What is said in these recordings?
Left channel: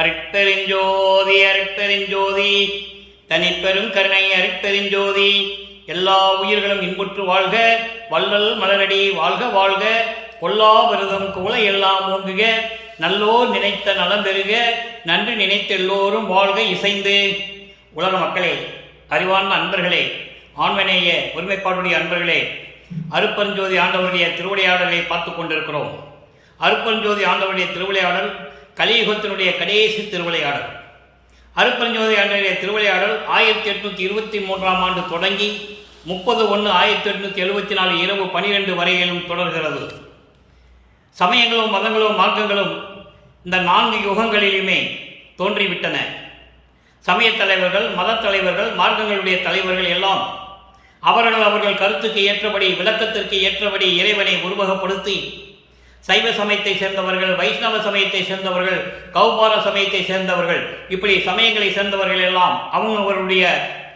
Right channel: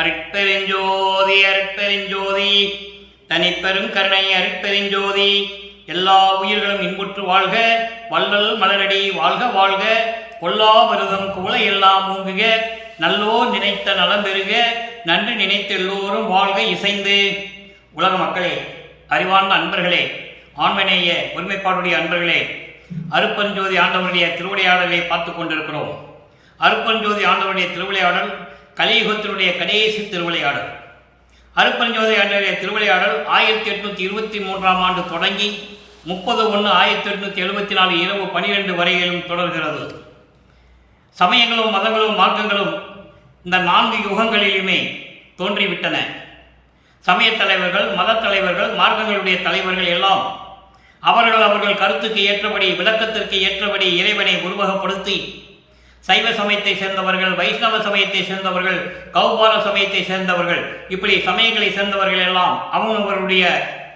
அருட்பெருஞ்சோதி அருட்பெருஞ்சோதி தனிப்பெரும் கருணை அருட்பெருஞ்சோதி. எல்லா உயிர்களும் இன்புற்று வாழ்க, வள்ளல் மலரடி வாழ்க வாழ்க, கொல்லா விரதம் குவளை எல்லாம் ஓங்குக, நல்லோர் நினைத்த நலம் பெறுக, நன்றி நினைத்த எல்லோரும் வாழ்க இசைந்து. உலக மக்களே, அறிவார்ந்த அன்பர்களே, ஆண்மநேய ஒருமைப்பாடுடைய அன்பர்களே, அருட்பெருஞ்சோதி ஆண்டவருடைய திருவிளையாடலை பார்த்து கொண்டிருக்கிறோம். அருட்பெருஞ்சோதி ஆண்டவருடைய திருவிளையாடல் கலியுகத்தினுடைய கடைசி திருவிளையாடல். அருட்பெருஞ்சோதி ஆண்டவருடைய திருவிளையாடல் 1823 ஆண்டு தொடங்கி 30/1/1874 இரவு 12 வரையிலும் தொடர்கிறது. சமயங்களும் மதங்களும் மார்க்கங்களும் இந்த 4 யுகங்களிலுமே தோன்றிவிட்டன. சமய தலைவர்கள், மத தலைவர்கள், மார்க்கங்களுடைய தலைவர்கள் எல்லாம் அவர்கள் கருத்துக்கு ஏற்றபடி, விளக்கத்திற்கு ஏற்றபடி இறைவனை உருவகப்படுத்தி சைவ சமயத்தை சேர்ந்தவர்கள், வைஷ்ணவ சமயத்தை சேர்ந்தவர்கள், கௌபார சமயத்தை சேர்ந்தவர்கள், இப்படி சமயங்களை சேர்ந்தவர்கள் எல்லாம் அவர்களுடைய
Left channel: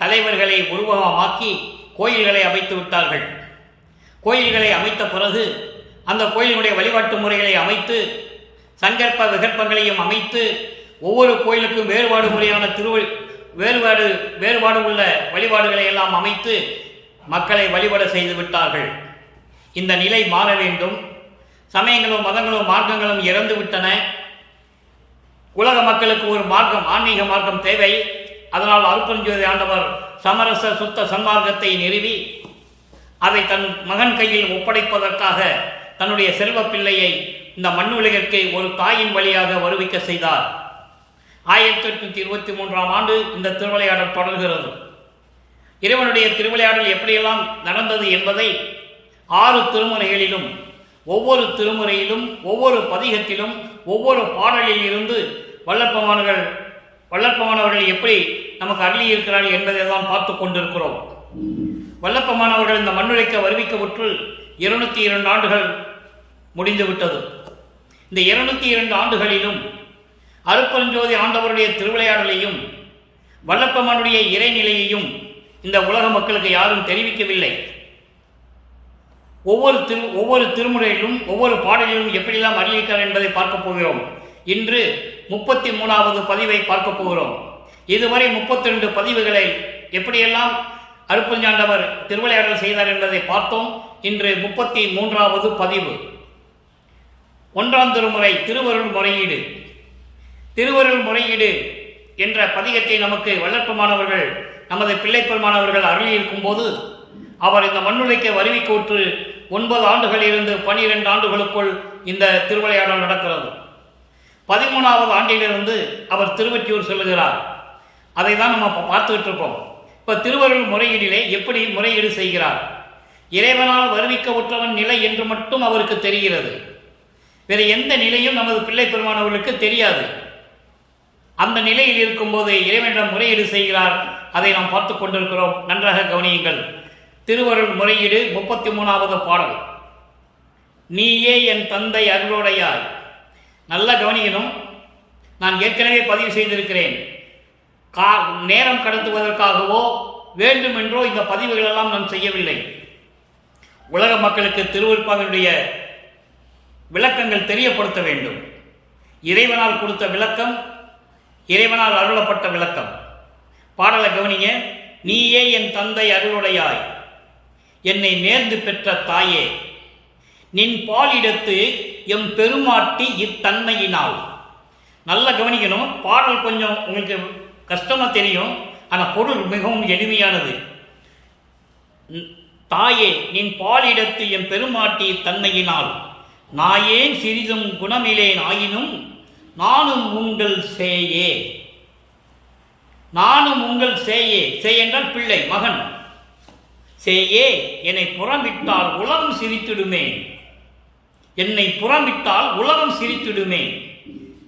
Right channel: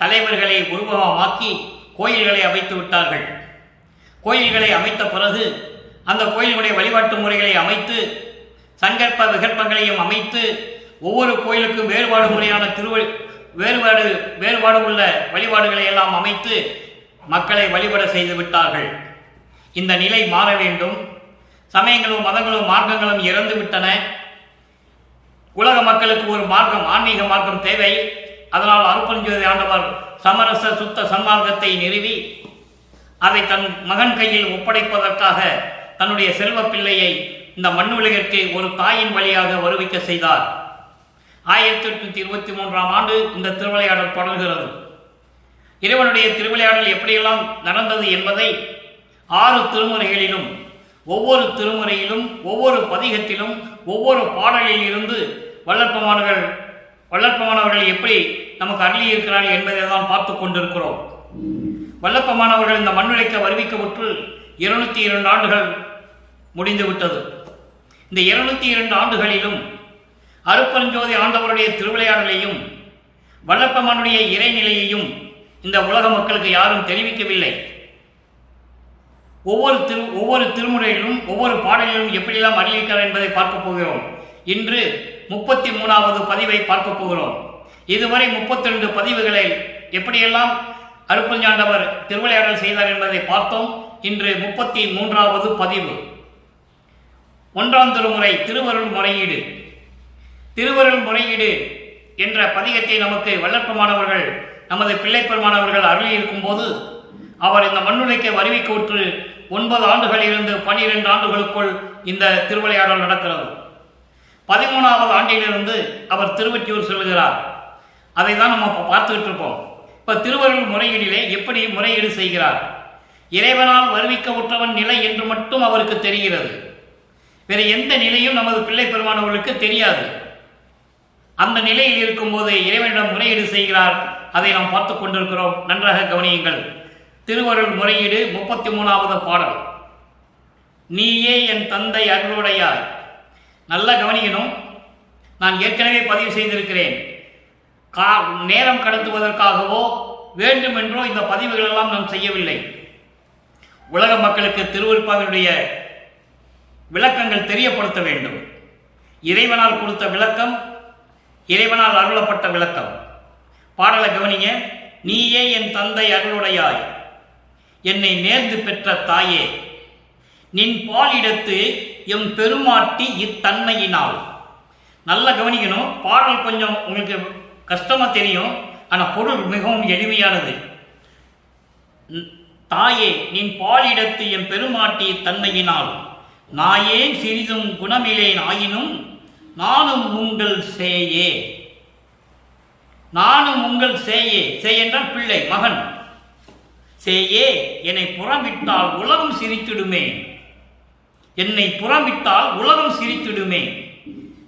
தலைவர்களை உருவகமாக்கி கோயில்களை அமைத்து விட்டார்கள். கோயில்களை அமைத்த பிறகு அந்த கோயில்களுடைய வழிபாட்டு முறைகளை அமைத்து சங்கற்ப விகற்பங்களையும் அமைத்து ஒவ்வொரு கோயிலுக்கும் வேறுபாடு முறையான வேறுபாடு உள்ள வழிபாடுகளை எல்லாம் அமைத்து மக்களை வழிபட செய்து விட்டார்கள். இந்த நிலை மாற வேண்டும். சமயங்களும் மதங்களும் மார்க்கங்களும் இறந்து விட்டன. உலக மக்களுக்கு ஒரு மார்க்கம், ஆன்மீக மார்க்கம் தேவை. அதனால் அருட்பெருஞ்சோதி ஆண்டவர் சமரச சுத்த சன்மார்க்கத்தை நிறுவி அதை தன் மகன் கையில் ஒப்படைப்பதற்காக தன்னுடைய செல்வ பிள்ளையை இந்த மண்ணுலகிற்கு ஒரு தாயின் வழியாக வருவிக்க செய்தார். 1823 ஆண்டு இந்த திருவிளையாடல் தொடர்கிறது. இறைவனுடைய திருவிளையாடல் எப்படியெல்லாம் நடந்தது என்பதை 6 திருமுறைகளிலும், ஒவ்வொரு திருமுறையிலும், ஒவ்வொரு பதிகத்திலும், ஒவ்வொரு பாடலில் இருந்து வல்லற்பமானவர்கள் எப்படி நமக்கு அருளியிருக்கிறார்கள் என்பதை தான் பார்த்து கொண்டிருக்கிறோம். வல்லப்பமானவர்கள் இந்த மண்ணுழைக்க வருவிக்கப்பட்டு 202 ஆண்டுகள் முடிந்துவிட்டது. இந்த 202 ஆண்டுகளிலும் அருட்பெருஞ்சோதி ஆண்டவருடைய திருவிளையாடலையும் வல்லப்பமானுடைய இறைநிலையையும் இந்த உலக மக்களுக்கு யாரும் தெரிவிக்கவில்லை. ஒவ்வொரு திருமுறையிலும் ஒவ்வொரு பாடலிலும் எப்படியெல்லாம் அருளியிருக்கிறார் என்பதை பார்க்க போகிறோம். இன்று 33வது பதிவை பார்க்க போகிறோம். இதுவரை 32 பதிவுகளை எப்படியெல்லாம் அருட்பெருஞ்சாண்டவர் திருவிளையாடல் செய்தார் என்பதை பார்த்தோம். இன்று 33வது பதிவு. 1ஆம் திருமுறை திருவருள் முறையீடு. திருவருள் முறையீடு என்ற பதிகத்தை நமக்கு வல்லற்பமானவர்கள், நமது பிள்ளை பெருமானவர்கள் அருளியிருக்கும் போது அவர் இந்த மண்ணுலைக்க வருவிக்கோற்று 9 ஆண்டுகள் இருந்து 12 ஆண்டுகளுக்குள் இந்த திருவிளையாடல் நடக்கிறது. 13வது ஆண்டிலிருந்து அவர் திருவொற்றியூர் செல்லுகிறார். அதை தான் நம்ம பார்த்துக்கிட்டு இருக்கோம். இப்போ திருவருள் முறையீடிலே எப்படி முறையீடு செய்கிறார்? இறைவனால் வருவிக்க உற்றவன் நிலை என்று மட்டும் அவருக்கு தெரிகிறது. வேறு எந்த நிலையும் நமது பிள்ளை பெருமானவர்களுக்கு தெரியாது. அந்த நிலையில் இருக்கும்போது இறைவனிடம் முறையீடு செய்கிறார். அதை நாம் பார்த்து கொண்டிருக்கிறோம். நன்றாக கவனியுங்கள். திருவருள் முறையீடு 33வது பாடல். நீயே என் தந்தை அருளுடையாய். நல்லா கவனிக்கணும். நான் ஏற்கனவே பதிவு செய்திருக்கிறேன். நேரம் கடத்துவதற்காகவோ வேண்டுமென்றோ இந்த பதிவுகளெல்லாம் நான் செய்யவில்லை. உலக மக்களுக்கு திருவருட்பாவினுடைய விளக்கங்கள் தெரியப்படுத்த வேண்டும். இறைவனால் கொடுத்த விளக்கம், இறைவனால் அருளப்பட்ட விளக்கம். பாடலை கவனிங்க. நீயே என் தந்தை அருளுடையாய், என்னை நேர்ந்து பெற்ற தாயே, நின் பாலிடத்து எம் பெருமாட்டி இத்தன்மையினால். நல்லா கவனிக்கணும். பாடல் கொஞ்சம் உங்களுக்கு கஷ்டமா தெரியும், ஆனால் பொருள் மிகவும் எளிமையானது. தாயே, நின் பாலிடத்து எம் பெருமாட்டி தன்மையினால், நாயேன் சிறிதும் குணமிலேன் ஆயினும் நானும் உங்கள் சேயே. நானும் உங்கள் சேயே. சேய் என்றால் பிள்ளை, மகன். சேயே, என்னை புறமிட்டால் உலகம் சிரித்திடுமே. என்னை புறமிட்டால் உலகம் சிரித்திடுமே.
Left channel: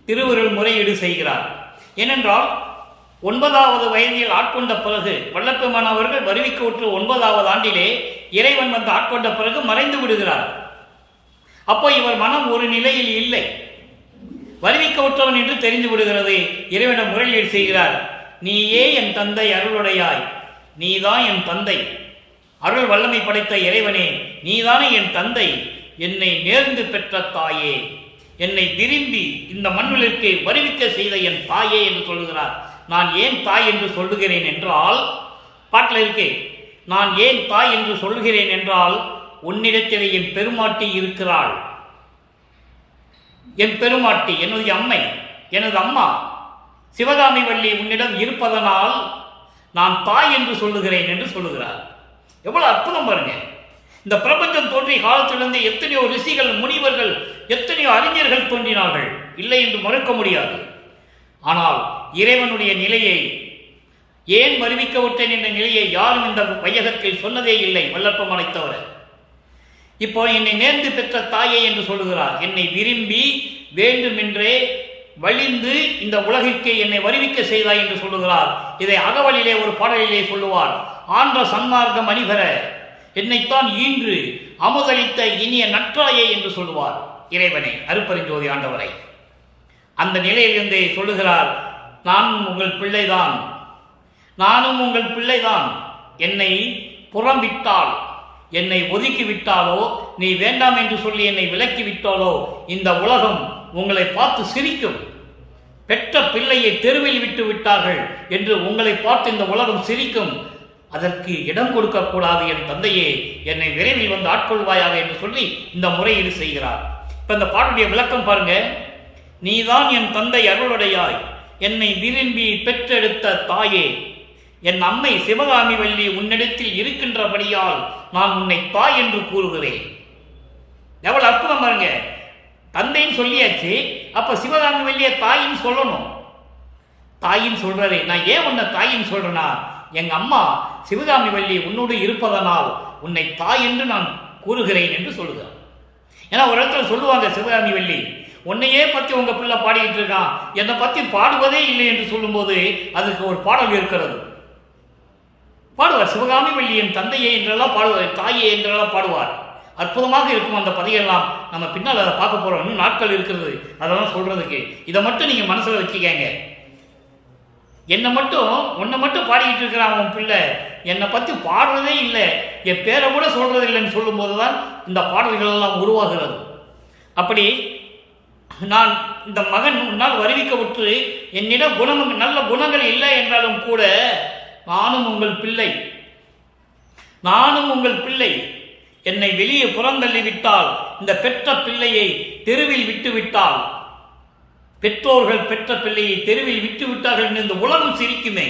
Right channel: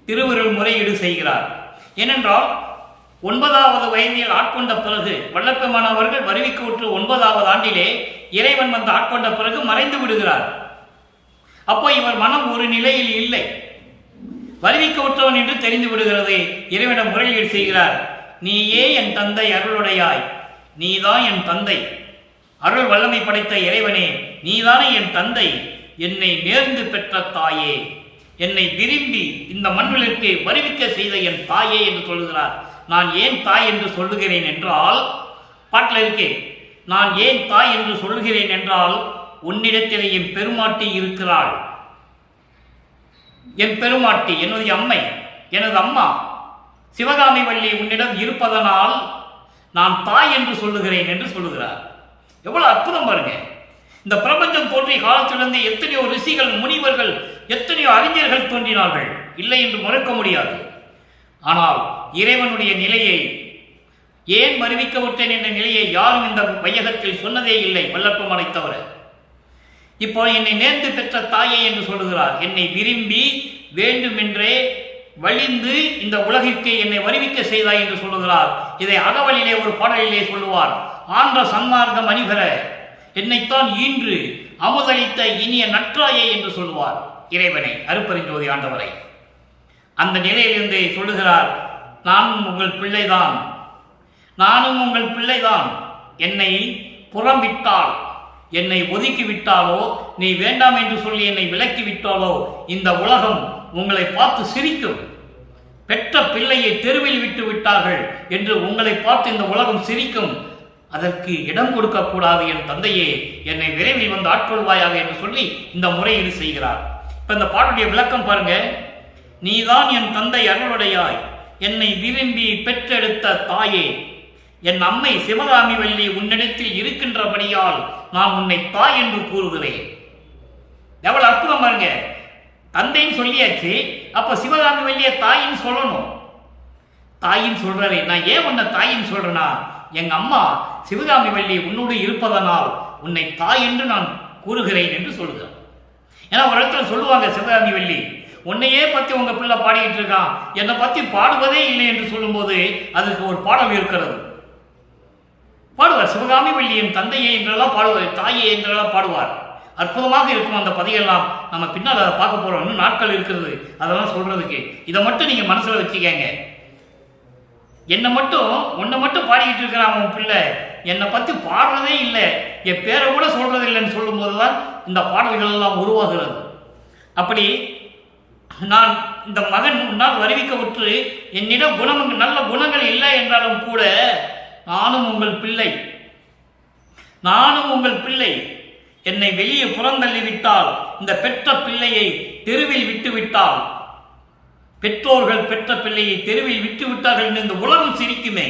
திருவருள் முறையீடு செய்கிறார். ஏனென்றால் 9வது வயதில் ஆட்கொண்ட பிறகு, வல்லப்பெருமானவர்கள் வருவிக்கவுற்று 9வது ஆண்டிலே இறைவன் வந்து ஆட்கொண்ட பிறகு மறைந்து விடுகிறார். அப்போ இவர் மனம் ஒரு நிலையில் இல்லை, வருவிக்கவுற்றவன் என்று தெரிந்து விடுகிறது. இறைவனிடம் முறையீடு செய்கிறார். நீயே என் தந்தை அருளுடையாய், நீதான் என் தந்தை, அருள் வல்லமை படைத்த இறைவனே, நீதானே என் தந்தை, என்னை நேர்ந்து பெற்ற தாயே, என்னை விரும்பி இந்த மண்ணுலகிற்கு வருவிக்க செய்த என் தாயே என்று சொல்லுகிறார். நான் ஏன் தாய் என்று சொல்லுகிறேன் என்றால், பாட்டில் இருக்கே, நான் ஏன் தாய் என்று சொல்லுகிறேன் என்றால், உன்னிடத்தில் என் பெருமாட்டி இருக்கிறாள். என் பெருமாட்டி என்னுடைய அம்மை, எனது அம்மா சிவகாமி வள்ளி உன்னிடம் இருப்பதனால் நான் தாய் என்று சொல்லுகிறேன் என்று சொல்லுகிறார். எவ்வளவு அற்புதம் பாருங்க. இந்த பிரபஞ்சம் தோன்றிய காலத்திலிருந்து எத்தனையோ ரிஷிகள், முனிவர்கள், எத்தனையோ அறிஞர்கள் தோன்றினார்கள், இல்லை என்று மறுக்க முடியாது. ஆனால் இறைவனுடைய நிலையை, ஏன் வருவிக்க விட்டேன் என்ற நிலையை யாரும் இந்த வையகத்தில் சொன்னதே இல்லை, வல்லற்பமானை தவிர. இப்போ என்னை நேர்ந்து பெற்ற தாயே என்று சொல்லுகிறார். என்னை விரும்பி வேண்டுமென்றே வழிந்து இந்த உலகிற்கு என்னை வருவிக்க செய்தாய் என்று சொல்லுகிறார். இதை அகவலிலே ஒரு பாடலிலே சொல்லுவார். ஆன்ற சன்மார்க்கம் அணிபெற என்னைத்தான் ஈன்று அமுதளித்த இனிய நற்றாயே என்று சொல்லுவார் இறைவனை, அருட்பெருஞ்சோதி ஆண்டவரை. அந்த நிலையிலிருந்து சொல்லுகிறார், நானும் உங்கள் பிள்ளைதான், நானும் உங்கள் பிள்ளைதான். என்னை புறம்பிட்டால், என்னை ஒதுக்கி விட்டாலோ, நீ வேண்டாம் என்று சொல்லி என்னை விலக்கி விட்டாலோ, இந்த உலகம் உங்களை பார்த்து சிரிக்கும். பெற்ற பிள்ளையை தெருவில் விட்டு விட்டார்கள் என்று உங்களை பார்த்து இந்த உலகம் சிரிக்கும். அதற்கு இடம் கொடுக்கக்கூடாது. என் தந்தையே, என்னை விரைவில் வந்து ஆட்கொள்வாயாக என்று சொல்லி இந்த முறையீடு செய்கிறார். இப்ப இந்த பாட்டுடைய விளக்கம் பாருங்க. நீதான் என் தந்தை அருளுடையாய், என்னை விரும்பி பெற்றெடுத்த தாயே, என் அம்மை சிவகாமி வள்ளி உன்னிடத்தில் இருக்கின்றபடியால் நான் உன்னை தாய் என்று கூறுகிறேன். எவ்வளவு அற்புதம் பாருங்க. தந்தைன்னு சொல்லியாச்சு, அப்ப சிவகாமி வள்ளிய தாயின்னு சொல்லணும். தாயின்னு சொல்றாரு. நான் ஏன் உன்னை தாயின்னு சொல்றேன்னா, எங்க அம்மா சிவகாமி வள்ளி உன்னோடு இருப்பதனால் உன்னை தாய் என்று நான் கூறுகிறேன் என்று சொல்கிறார். ஏன்னா ஒரு இடத்துல சொல்லுவாங்க, சிவகாமி வள்ளி உன்னையே பத்தி உங்க பிள்ளை பாடிக்கிட்டு இருக்கான், என்னை பத்தி பாடுவதே இல்லை என்று சொல்லும்போது அதுக்கு ஒரு பாடல் இருக்கிறது. பாடுவார், சிவகாமி வள்ளியின் தந்தையே என்றெல்லாம் பாடுவார், தாயே என்றெல்லாம் பாடுவார். அற்புதமாக இருக்கும் அந்த பதிகெல்லாம். நம்ம பின்னால் அதை பார்க்க போறோம், இன்னும் நாட்கள் இருக்கிறது அதெல்லாம் சொல்றதுக்கு. இதை மட்டும் நீங்க மனசுல வச்சுக்கங்க. என்னை மட்டும், உன்னை மட்டும் பாடிக்கிட்டு இருக்கிறான் உன் பிள்ளை, என்னை பத்தி பாடுறதே இல்லை, என் பேரை கூட சொல்றது இல்லைன்னு சொல்லும் போதுதான் இந்த பாடல்கள் எல்லாம் உருவாகிறது. அப்படி நான் இந்த மகன் முன்னால் வருவிக்கப்பட்டு என்னிடம் நல்ல குணங்கள் இல்லை என்றாலும் கூட, நானும் உங்கள் பிள்ளை, நானும் உங்கள் பிள்ளை. என்னை வெளியே புறந்தள்ளி விட்டால், இந்த பெற்ற பிள்ளையை தெருவில் விட்டு விட்டால், பெற்றோர்கள் பெற்ற பிள்ளையை தெருவில் விட்டு விட்டார்கள் என்று இந்த உலகம் சிரிக்குமே,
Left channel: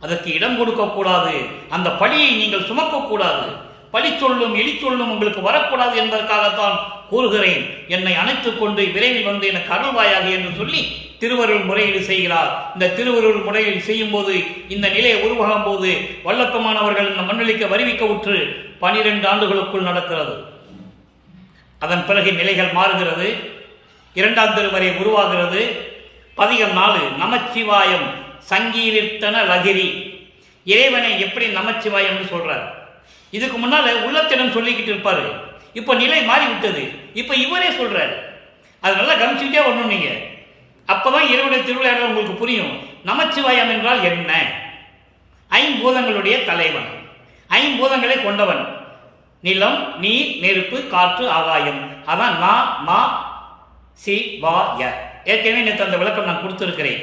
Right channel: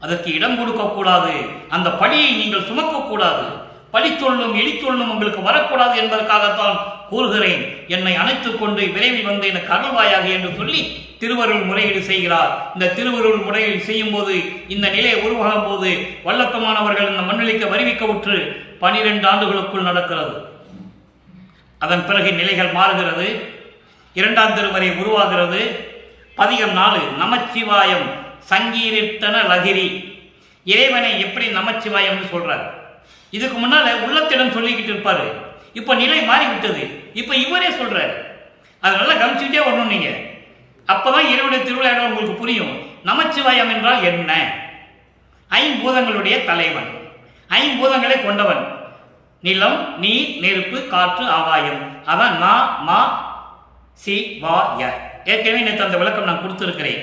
அதற்கு இடம் கொடுக்கக்கூடாது. அந்த பழியை நீங்கள் சுமக்கக்கூடாது. பழி சொல்லும் எலி சொல்லும் உங்களுக்கு வரக்கூடாது என்பதற்காகத்தான் கூறுகிறேன். என்னை அணைத்துக் கொண்டு விரைவில் வந்து எனக்கு அருள்வாயாக என்று சொல்லி திருவருள் முறையீடு செய்கிறார். இந்த திருவருள் முறையில் செய்யும் போது, இந்த நிலையை உருவாகும் போது, வல்லப்பமானவர்கள் இந்த மண்ணிலைக்கு வருவிக்க உற்று 12 ஆண்டுகளுக்குள் நடக்கிறது. அதன் பிறகு நிலைகள் மாறுகிறது. 2ஆம் திருவரை உருவாகிறது. பதிகம் 4 நமச்சிவாயம் சங்கீர்த்தன லகிரி. இறைவனை எப்படி நமச்சிவாயம் சொல்றார்? இதுக்கு முன்னால உள்ளத்திடம் சொல்லிக்கிட்டு இருப்பாரு, இப்ப நிலை மாறிவிட்டது, இப்ப இவரே சொல்றாரு. அது நல்லா கவனிச்சுட்டே வரணும் நீங்க. அப்பதான் இறைவனுடைய திருவிழா உங்களுக்கு புரியும். நமச்சிவாயம் என்றால் என்ன? ஐம்பூதங்களுடைய தலைவன், ஐம்பூதங்களை கொண்டவன். நிலம், நீர், நெருப்பு, காற்று, ஆகாயம். அதான் நா மா சி வா ய. ஏற்கனவே நேற்று அந்த விளக்கம் நான் கொடுத்திருக்கிறேன்.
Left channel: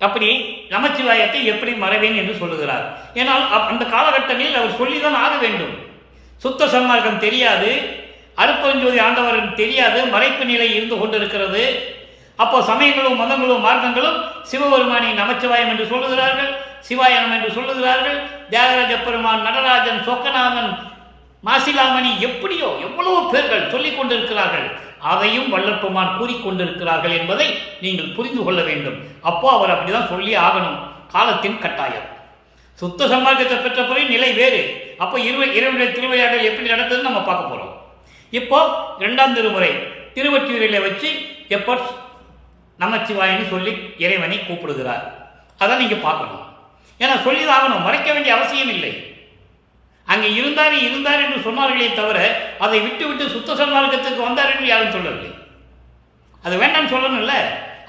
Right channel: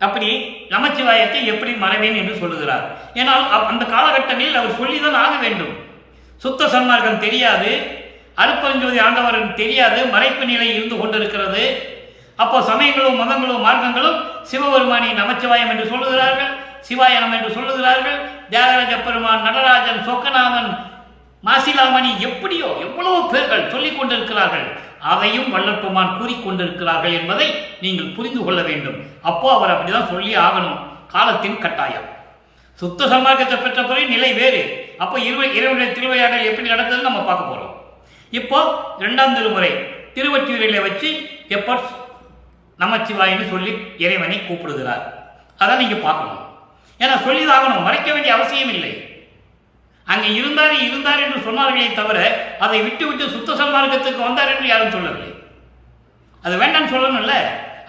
அப்படி நமச்சிவாயத்தை எப்படி மறைவேன் என்று சொல்லுகிறார். ஏனால் அந்த காலகட்டங்களில் அவர் சொல்லிதான் ஆக வேண்டும். சுத்த சன்மார்க்கம் தெரியாது, அருட்பெருஞ்சோதி ஆண்டவரன் தெரியாது, மறைப்பு நிலை இருந்து கொண்டிருக்கிறது. அப்போ சமயங்களும் மதங்களும் மார்க்கங்களும் சிவபெருமானை நமச்சிவாயம் என்று சொல்லுகிறார்கள், சிவாயனம் என்று சொல்லுகிறார்கள். தியாகராஜ பெருமான், நடராஜன், சொக்கநாமன், மாசிலாமணி, எப்படியோ எவ்வளவோ பேர்கள் சொல்லிக் கொண்டிருக்கிறார்கள். அதையும் வல்லற்பெருமான் கூறிக்கொண்டிருக்கிறார்கள் என்பதை நீங்கள் புரிந்து கொள்ள வேண்டும். அப்போ அவர் அப்படிதான் சொல்லி ஆகணும், காலத்தின் கட்டாயம். சுத்த சன்மார்க்கத்தை பெற்ற பிறகு நிலை வேறு. அப்போ இறைவனுடைய திருவிளையாடல் எப்படி நடந்ததுன்னு நம்ம பார்க்க போறோம். இப்போ 2ஆம் திருமுறை திருவொற்றியூரில் வச்சு எப்போ நமச்சிவாயன்னு சொல்லி இறைவனை கூப்பிடுகிறார். அதை நீங்க பார்க்கணும். ஏன்னா சொல்லிதாகணும், மறைக்க வேண்டிய அவசியம் இல்லை. அங்கே இருந்தார் என்று சொன்னார்களே தவிர, அதை விட்டு விட்டு சுத்த சன்மார்க்கத்துக்கு வந்தார் என்று யாரும் சொல்லவில்லை. அது வேண்டாம்னு சொல்லணும்ல.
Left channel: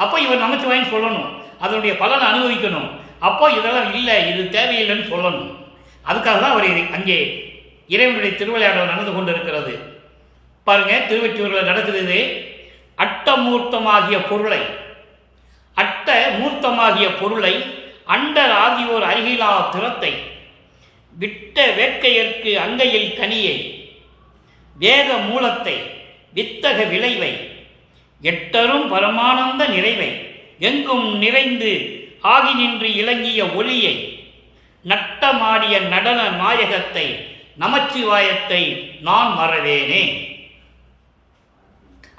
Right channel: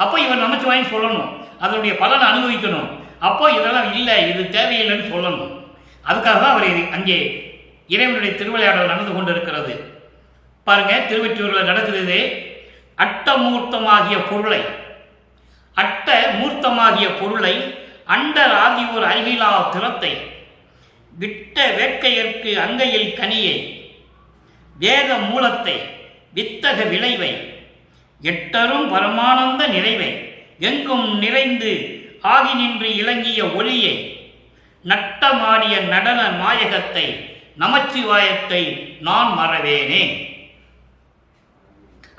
அப்போ இவர் நமச்சிவாயன்னு சொல்லணும், அதனுடைய பலனை அனுபவிக்கணும். அப்போ இதெல்லாம் இல்லை, இது தேவையில்லைன்னு சொல்லணும். அதுக்காக தான் அவர் அங்கே இறைவனுடைய திருவிளையாடல் நடந்து கொண்டிருக்கிறது. பாருங்க, திருவொற்றியூரில் நடக்குது. அட்டமூர்த்தமாகிய பொருளை அண்டர் ஆகியோர் அருகிலா திறத்தை விட்ட வேட்கையர்க்கு அங்கையில் கனியை வேத மூலத்தை வித்தக விளைவை எட்டரும் பரமானந்த நிறைவை எங்கும் நிறைந்து ஆகி நின்று இலங்கிய ஒளியை நட்டமாடிய நடன நாயகத்தை நமச்சிவாயத்தை நான் மறவேனே.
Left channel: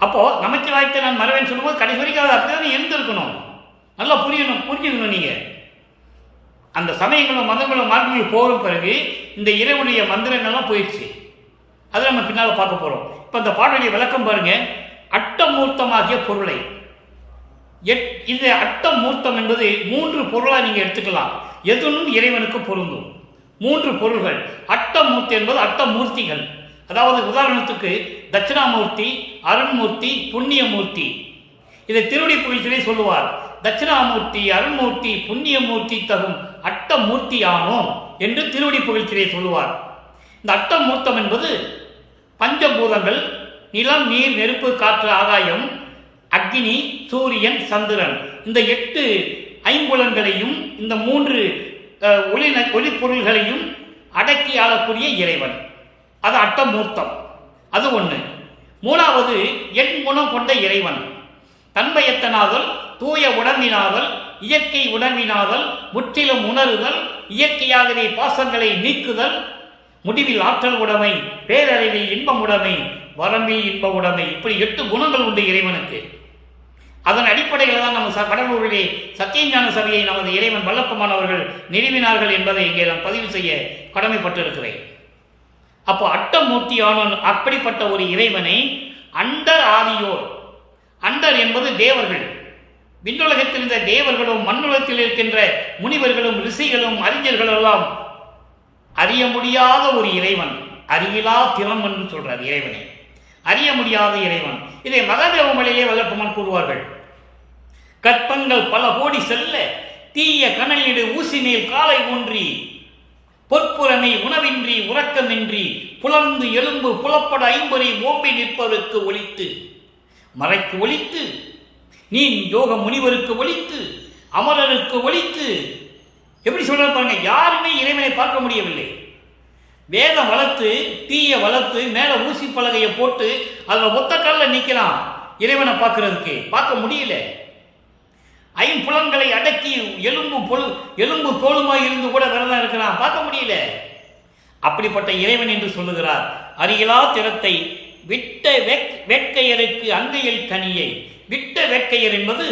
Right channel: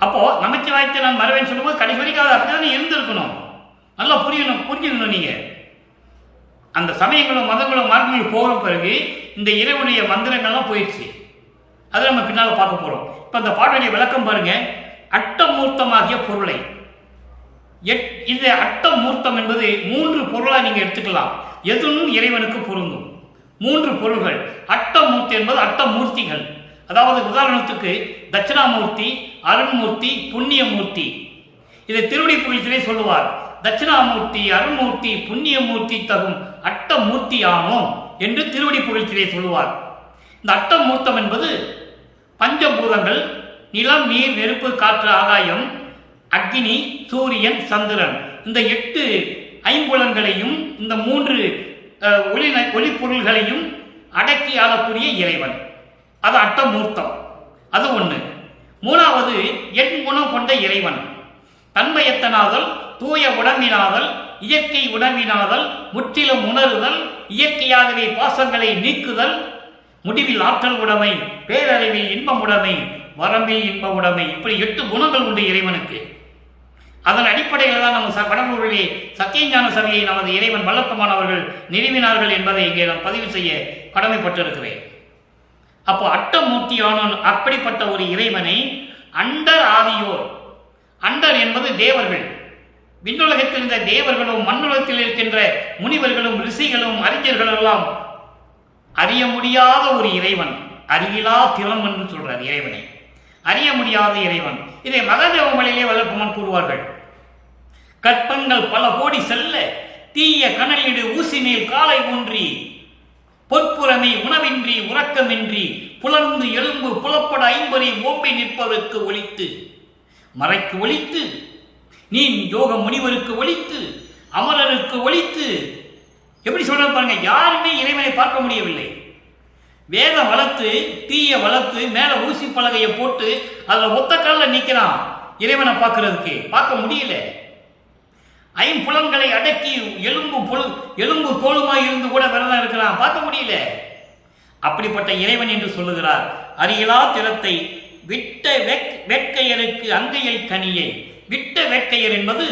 அப்போ நமச்சிவாயத்தை நான் மறவேன்னு சொல்லும்போது கடைசி வரைக்கும் அது அப்படிதான் இருந்திருக்கணும். நல்லா புரிஞ்சுக்கணும். நீங்க அந்த சமயங்களும் மதங்களும் மார்க்கங்களும் போகிற பிறகு இந்த இறைவனுடைய மந்திரங்கள்லாம் போயிடுச்சு. அதை நம்ம பின்னால் பார்க்க போறோம். இப்ப அந்த பாடலுடைய விளக்கம் பாருங்க. அட்டமூர்த்தமாகிய பொருளை, இந்த அட்டமூர்த்தம் என்பது 3 பொருளா நீங்க எடுத்துக்கலாம். எதுவும் இறைவனுக்கு பொருந்தும். 3 பொருள்கள். அட்டமூர்த்தி என்பது அட்டமூர்த்திகள். அதாவது உதாரணத்துக்கு தட்சிணாமூர்த்தி, அருண்மூர்த்தி, புண்ணியமூர்த்தி. இதை திருவடி புகழ்ச்சியிலே சொல்லுவார். தட்சிணாமூர்த்தி, அருண்மூர்த்தி, புண்ணியமூர்த்தி தகும் அட்டமூர்த்தியானோ என்று திருவடி புகழ்ச்சியிலே சொல்லுவார். இந்த அட்டமூர்த்தம் என்பது பஞ்சபூதங்கள், நிலம், நீர், நெருப்பு, காற்று, ஆகாயம், அக்னி, சூரியன், சந்திரன், இந்த 8 ஐம்புலன்களையும் இந்த 3 ஒளி பொருள்களையும் அடக்கி ஆளக்கூடிய இறைவன். அது அட்டமூர்த்தம். அது ஒன்று. 3வது எண் குணம் கொண்ட இறைவன். தன்மையத்தனாதல், தூய உணர்வினாதல், இயற்கை உணர்வினாதல், முற்றிலும் உணருதல், இயற்கையாகவே பாசங்களை நீக்குதல், முடிவில் ஆற்றல் உடைமை, பேரறிவில் இன்பம் உடைமை, வரம்பில் இன்ப உடைமை. இப்படி 8 குணங்கள் உண்டு இறைவனுக்கு. அதன் அடிப்படையில் தான் நம்ம கடலூரிலே சத்தியஞான சபையை நமது இறைவன் வல்லப்பமானவர்கள் நிறுவினார்கள் என்பதை இங்கே நான் பதிவு செய்ய கடமைப்பட்டிருக்கிறேன். அப்போ அட்டமூர்த்தியான அப்படிப்பட்ட ஒரு இறைவனை அண்டர் ஆதியோர், அண்டர் என்பது தேவர்கள், விண்ணுலகத்தில் இருந்த தேவர்களும் மண்ணுலகத்தில் இருக்கின்ற முனிவர்களும் ரிஷிகளும் அறிஞர்கள் எல்லாம் அறிய முடியாத ஒரு இறைவன், அறியிலா திறம் என்று சொல்றார் இறைவனை. அறிய முடியாத இறைவன். இதை மகாதேவமலையிலே வல்லப்பமான் கூறுவார்கள். கற்பங்கள் பல கோடி செல்ல தீய கனலிடு ஊசி மேல் காலை ஊன்றி பொற்புறமை உணவின்றி உறக்கமின்றி புலர்ந்து எலும்பு புலப்பட ஐம்பொறி ஓம்பி நிற்பவருக்கு ஒலித்து மறைக்கு ஒலித்து நீ யோக முனிவருக்கு ஒலித்து அமரருக்கு ஒலித்து. எப்படி சொல்றது பாருங்க. யாருமே இறைவனை பார்க்க முடியவில்லை. வேதம் வளர்த்து தீய வளர்த்து மேல ஊசி பலகையை போட்டு அதில் ஒத்த கால நிற்கிறான் இறைவனை பார்க்க முடியல. ஐம்புலன்களை அடக்கி எலும்பு தோளுமாய் இருந்து கூட விரதம் இருக்கிறான், பார்க்க முடியல. அப்படிப்பட்ட இறைவன் என்று சொல்லுகிறார். அருகிலா திறத்தை விட்ட வேட்கையருக்கு அங்கையில் கனியை. விட்ட வேட்கையர் என்பது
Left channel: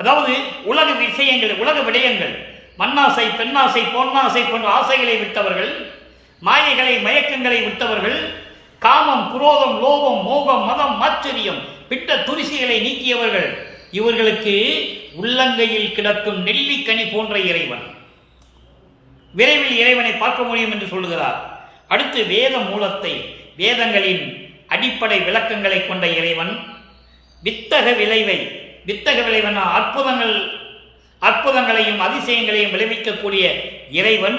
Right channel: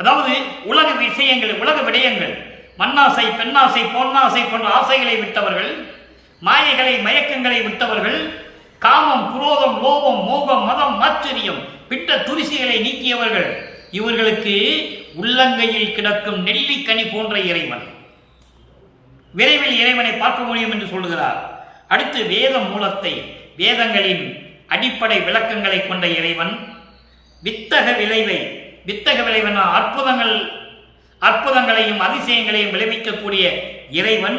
அதாவது உலக விஷயங்கள், உலக விடயங்கள், மண்ணாசை, பெண்ணாசை, பொன்னாசை போன்ற ஆசைகளை விட்டவர்கள், மாயைகளை, மயக்கங்களை விட்டவர்கள், காமம், குரோதம், லோபம், மோகம், மதம், ஆச்சரியம், பிட்ட துரிசிகளை நீக்கியவர்கள். இவர்களுக்கு உள்ளங்கையில் கிடக்கும் நெல்லிக்கனி போன்ற இறைவன். விரைவில் இறைவனை பார்க்க முடியும் என்று சொல்லுகிறார். அடுத்து வேத மூலத்தை, வேதங்களின் அடிப்படை விளக்கங்களை கொண்ட இறைவன். வித்தக விளைவை, வித்தக விளைவன அற்புதங்களையும் அதிசயங்களையும் விளைவிக்கக்கூடிய இறைவன்.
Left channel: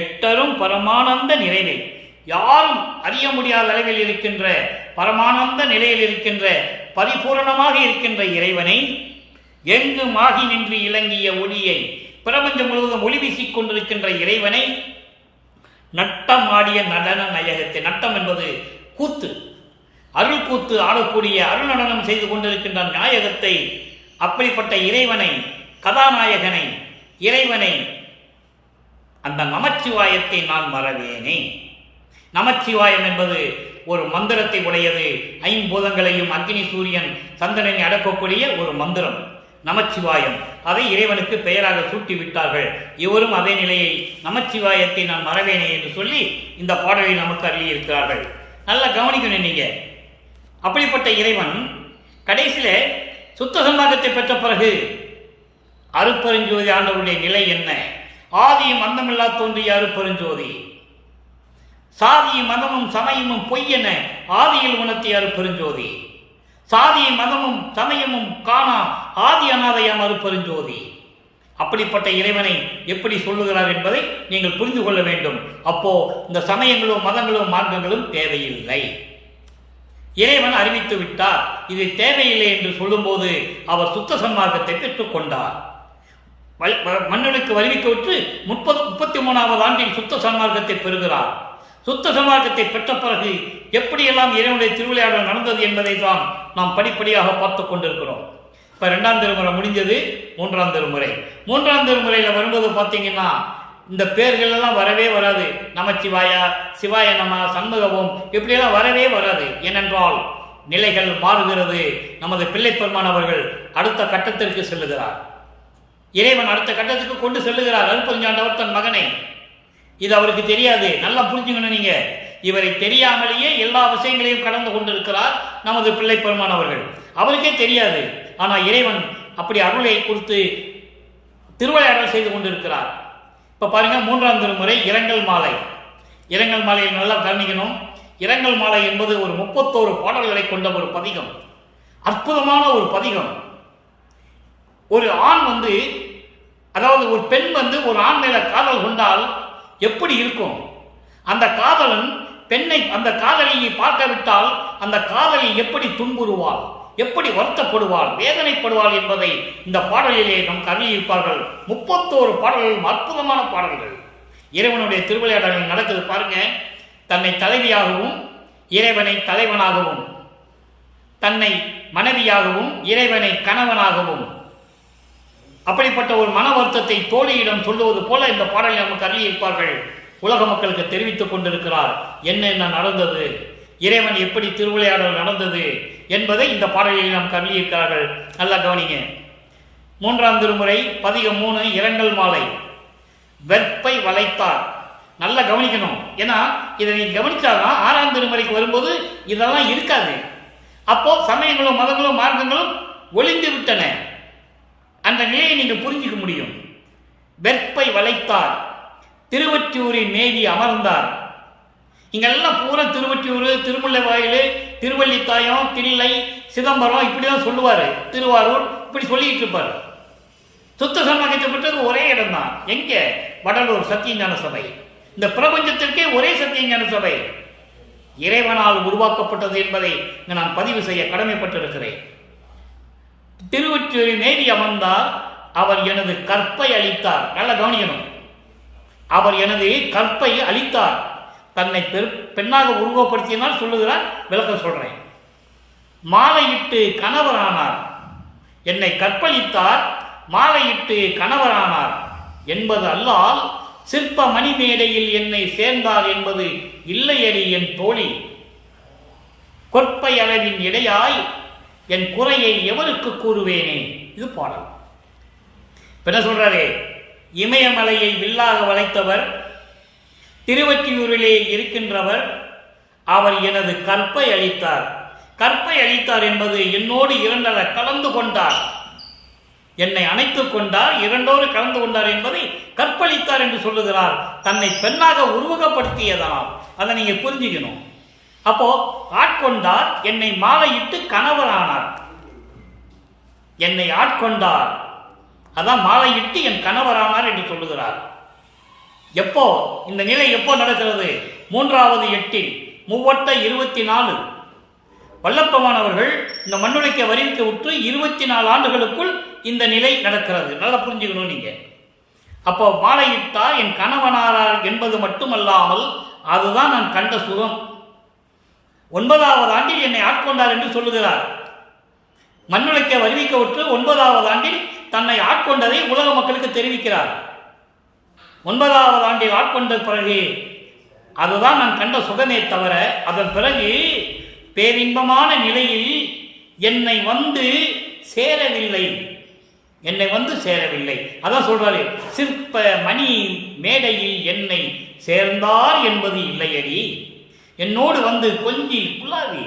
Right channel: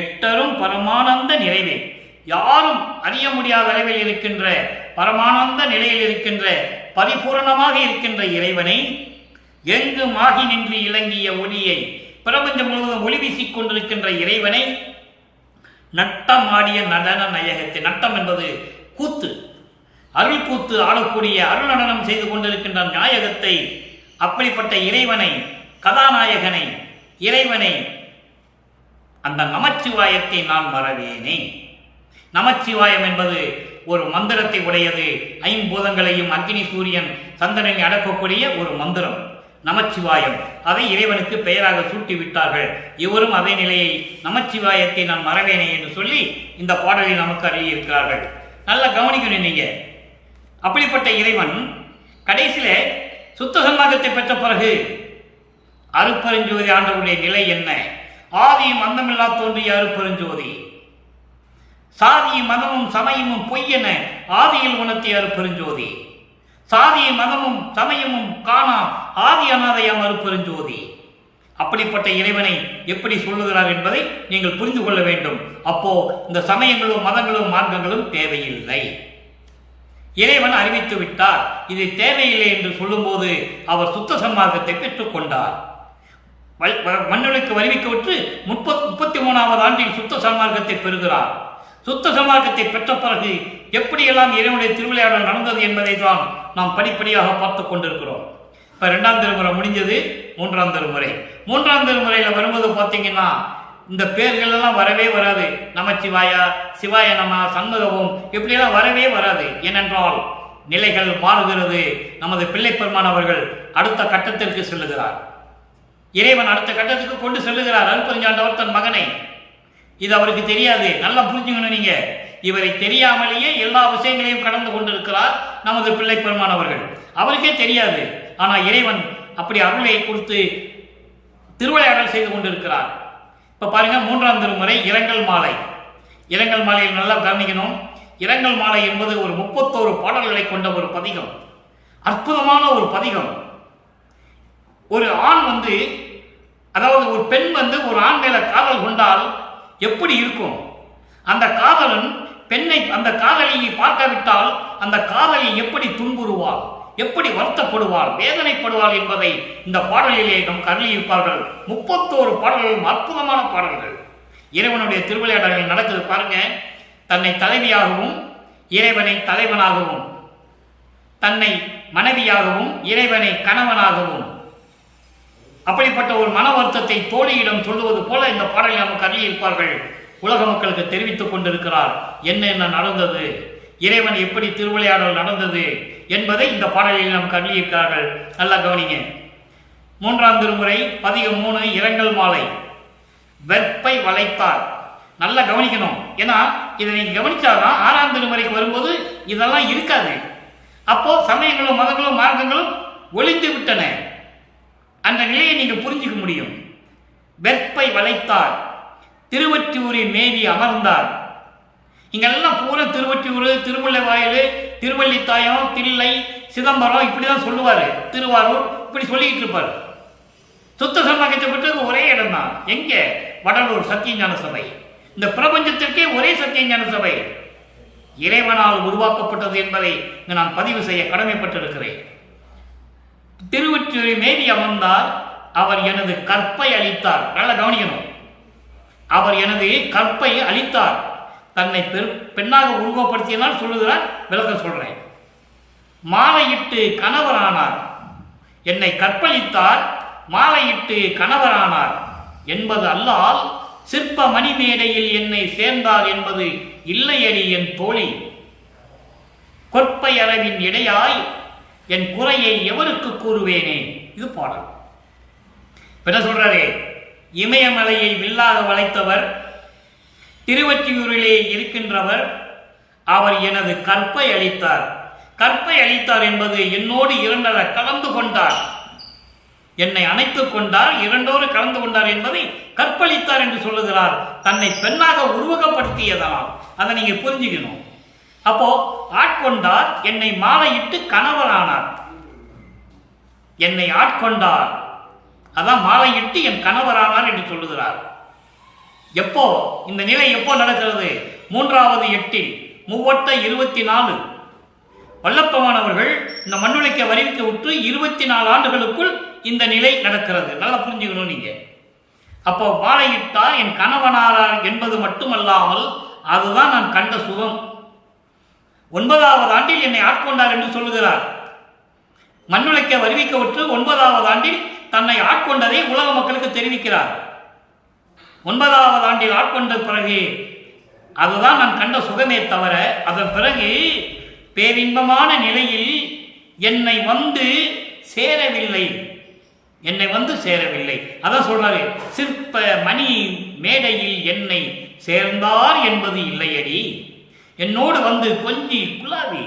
எட்டரும் பரமானந்த நிறைவை, யாரும் அறிய முடியாத அளவில் இருக்கின்ற பரமானந்த நிலையில் இருக்கின்ற பரிபூரணமாக இருக்கின்ற இறைவனை, எங்கும் ஆகி நின்று இலங்கிய ஒளியை, பிரபஞ்சம் முழுவதும் ஒளி வீசிக் கொண்டிருக்கின்ற இறைவனை, நட்டமாடிய நடன நாயகத்தை. நட்டம் என்பது கூத்து, அருள் கூத்து ஆடக்கூடிய, அருள் நடனம் செய்து கொண்டிருக்கின்ற நாயகத்தை, அப்படிப்பட்ட இறைவனை, கதாநாயகனை, இறைவனை, அந்த நமச்சிவாயத்தை நான் மறவேனே. நமச்சிவாயம் என்பது ஒரு மந்திரத்தை உடையது. ஐம்பூதங்களையும் அக்னி, சூரியன், சந்திரனை அடக்கக்கூடிய ஒரு மந்திரம் நமச்சிவாயம். அதை இறைவனுக்கு பெயராக சூட்டிவிட்டார்கள். இவரும் அதே நிலையை நமச்சிவாயத்தை நான் மறவேனே என்று சொல்லி இந்த பாடலில் நமக்கு அருளியிருக்கிறார்கள். நல்லா கவனிக்கணும் நீங்க. அப்படிப்பட்ட இறைவன் கடைசியில சுத்த சன்மார்க்கத்தை பெற்ற பிறகு அருட்பெருஞ்சோதி ஆண்டவருடைய நிலை என்ன? ஆதியும் அந்தமில்லா தோன்றிய அருட்பெருஞ்சோதி, சாதியும் மதமும் சமயமும் பொய்யென ஆதியில் உணர்த்திய அருட்பெருஞ்சோதி, சாதியும் மதமும் சமயமும் காணா ஆதி அநாதையாம் அருட்பெருஞ்சோதி. அப்படிப்பட்ட இறைவனை எப்படி சொல்லுகிறார் என்பதை நீங்கள் புரிந்து கொள்ள வேண்டும். அப்போ இந்த சமயங்களும் மதங்களும் மார்க்கங்களும் தேவையில்லை. இறைவன் அறிவித்து விட்டார். இது தேவையில்லை என்று சொல்லும்போது அவர் சுத்த சன்மார்க்கத்தை பெற்றுக் கொண்டார். மண்ணுக்கு வருவிக்கவிட்டு 33வது ஆண்டில் சுத்த சன்மார்க்கத்தை பெறுகிறார். சுத்த சன்மார்க்கத்தை பெற்ற பிறகு எப்படியெல்லாம் இறைவனுடைய திருவிளையாடல் நடந்தது என்பதை தான் நாம் படிப்படியாக பார்த்து கொண்டிருக்கிறோம். இப்போ 2ஆம் திருமுறை முடிஞ்சது, 3ஆம் திருமுறை. 3ஆம் திருமுறையில் வரும்போது பார்த்தீங்கன்னா இந்த பேர்கள் எல்லாம் வரவே வராது. நமச்சிவாயா, சிவாய நம, சண்முகவும் இப்படியெல்லாம் வரவே வராது. ஏனென்றால் நிலைகள் மாறுகிறது. நமது பிள்ளை பெருமான் அவர்கள் அடுத்த கட்டத்திற்கு செல்லுகிறார். இறைவன் அடுத்த கட்டத்துக்கு கொண்டு செல்லுகிறார் அருட்பெருஞ்சாண்டவர் தன் மகனை. இது அவருக்கு தெரியாது. நல்லா புரிஞ்சுக்கணும் நீங்க. இவரை தெரியாமலேயே எல்லா விஷயங்களையும் கடந்து கொண்டிருக்கிறார் நமது பிள்ளை பெருமான் அவர்கள். அவருக்கே தெரியாது. ஆனால் இறைவன் அப்படி அருளை கொடுத்து திருவிளையாடல் செய்து கொண்டிருக்கிறார். இப்போ பாருங்க, 3ஆம் திருமுறை இரங்கல் மாலை. இரங்கல் மாலையில் நல்லா கவனிக்கணும். இரங்கல் மாலை என்பது ஒரு 31 பாடல்களை கொண்ட ஒரு பதிகம். அற்புதமான ஒரு பதிகம். ஒரு ஆண் அதாவது ஒரு பெண் ஒரு ஆண் மேல காதல் கொண்டால் எப்படி இருக்கும்? அந்த காதலன் பெண்ணை, அந்த காதலியை பார்க்காவிட்டால் அந்த காதலி எப்படி துன்புறுவாள், எப்படி வருத்தப்படுவாள், வேதனைப்படுவாள் என்பதை இந்த பாடலிலே நம் அருளியிருப்பார்கள். 31 பாடல்களும் அற்புதமான பாடல்கள். இறைவனுடைய திருவிளையாடல்கள் நடக்குது பாருங்க. தன்னை தலைவியாகவும் இறைவனை தலைவனாகவும், தன்னை மனைவியாகவும் இறைவனை கணவனாகவும், அப்படிப்பட்ட ஒரு மன வருத்தத்தை தோழியிடம் சொல்லுவது போல இந்த பாடலில் நமக்கு அருளியிருப்பார்கள். உலக மக்களுக்கு தெரிவித்துக் கொண்டிருக்கிறார் என்ன நடந்தது, இறைவன் எப்படி திருவிளையாடல் நடந்தது என்பதை இந்த பாடலில் நமக்கு அருளியிருக்கிறார்கள். நல்லா கவனிங்க. 3ஆம் திருமுறை பதிகம் 3 இரங்கல் மாலை. வெற்பை வளைத்தார். நல்லா கவனிக்கணும். ஏன்னா இதை நீங்க கவனிச்சாதான் 6ஆம் திருமுறைக்கு வரும்போது இதெல்லாம் இருக்காது. அப்போ சமயங்களும் மதங்களும் மார்க்கங்களும் ஒளிந்து விட்டன. அந்த நிலையை நீங்க புரிஞ்சுக்க முடியும். வெற்பை வளைத்தார், திருவொற்றியூரில் மேவி அமர்ந்தார். இங்கெல்லாம் பூரா திருவொற்றியூர், திருமுல்லைவாயில், திருவள்ளித்தாயம், தில்லை, சிதம்பரம் இப்படிதான் சொல்லுவாரு. திருவாரூர் இப்படி சொல்லிக்கிட்டு இருப்பார். சுத்த சன்மார்க்கத்தை பெற்றது ஒரே இடம் தான். எங்க? வடலூர் சத்தியஞான சபை. இந்த பிரபஞ்சத்திற்கே ஒரே சத்தியஞான சபை இறைவனால் உருவாக்கப்பட்டது என்பதை நான் பதிவு செய்ய கடமைப்பட்டிருக்கிறேன். திருவொற்றியூரில் மேவி அமர்ந்தார். அவர் எனது கற்பை அளித்தார். நல்லா கவனிக்கணும். அவர் எனது கற்பை அளித்தார். தன்னை பெண்ணாக உருவப்படுத்தினால் சொல்லுகிறார். விளக்கம் சொல்றேன். மாலையிட்டு கணவரானார். என்னை கற்பழித்தார், மாலையிட்டு கணவரானார் என்பது அல்லால் சிற்ப மணிமேடையில் என்னை சேர்ந்தார் என்பது இல்லையடி என் தோழி. கொற்பை அளவின் இடையாய் என் குறையை எவருக்கு கூறுவேனே. இது பாடல். என்ன சொல்றாரே? இமயமலையை வில்லாக வளைத்தவர், திருவொற்றியூரிலே இருக்கின்றவர், அவர் எனது கற்பை அளித்தார். கற்பை அளித்தார் என்பது என்னோடு இரண்டர கலந்து கொண்டார், என்னை அணைத்துக் கொண்டார், இரண்டோடு கலந்து கொண்டார் என்பதை கற்பழித்தார் என்று சொல்லுகிறார். தன்னை பெண்ணாக உருவகப்படுத்தியதால் அதை நீங்க புரிஞ்சுக்கணும். அப்போ ஆட்கொண்டார், என்னை மாலையிட்டு கணவரானார். என்னை ஆட்கொண்டார், அதான் மாலையிட்டு என் கணவரானார் என்று சொல்லுகிறார். எப்போ இந்த நிலை எப்போ நடக்கிறது? 3வது எட்டில் 3/24 வல்லப்பமானவர்கள் இந்த மண்ணுலைக்க வரிவிக்க விட்டு 24 ஆண்டுகளுக்குள் இந்த நிலை நடக்கிறது. நல்லா புரிஞ்சுக்கணும் நீங்க. அப்போ மாலையிட்டார், என் கணவனாரார் என்பது மட்டுமல்லாமல் அதுதான் நான் கண்ட சுகம். 9வது ஆண்டில் என்னை ஆட்கொண்டார் என்று சொல்லுகிறார். மண்ணுலைக்க வருவிக்க விட்டு 9வது ஆண்டில் தன்னை ஆட்கொண்டதை உலக மக்களுக்கு தெரிவிக்கிறார். 9வது ஆண்டில் ஆட்கொண்ட பிறகு அதுதான் நான் கண்ட சுகமே தவிர அதன் பிறகு பேரின்பமான நிலையில் என்னை வந்து சேரவில்லை. என்னை வந்து சேரவில்லை. அதான் சொல்றாரு, சிற்ப மணி மேடையில் என்னை சேர்ந்தார் என்பது இல்லையடி. என்னோடு வந்து கொஞ்சி குலாவி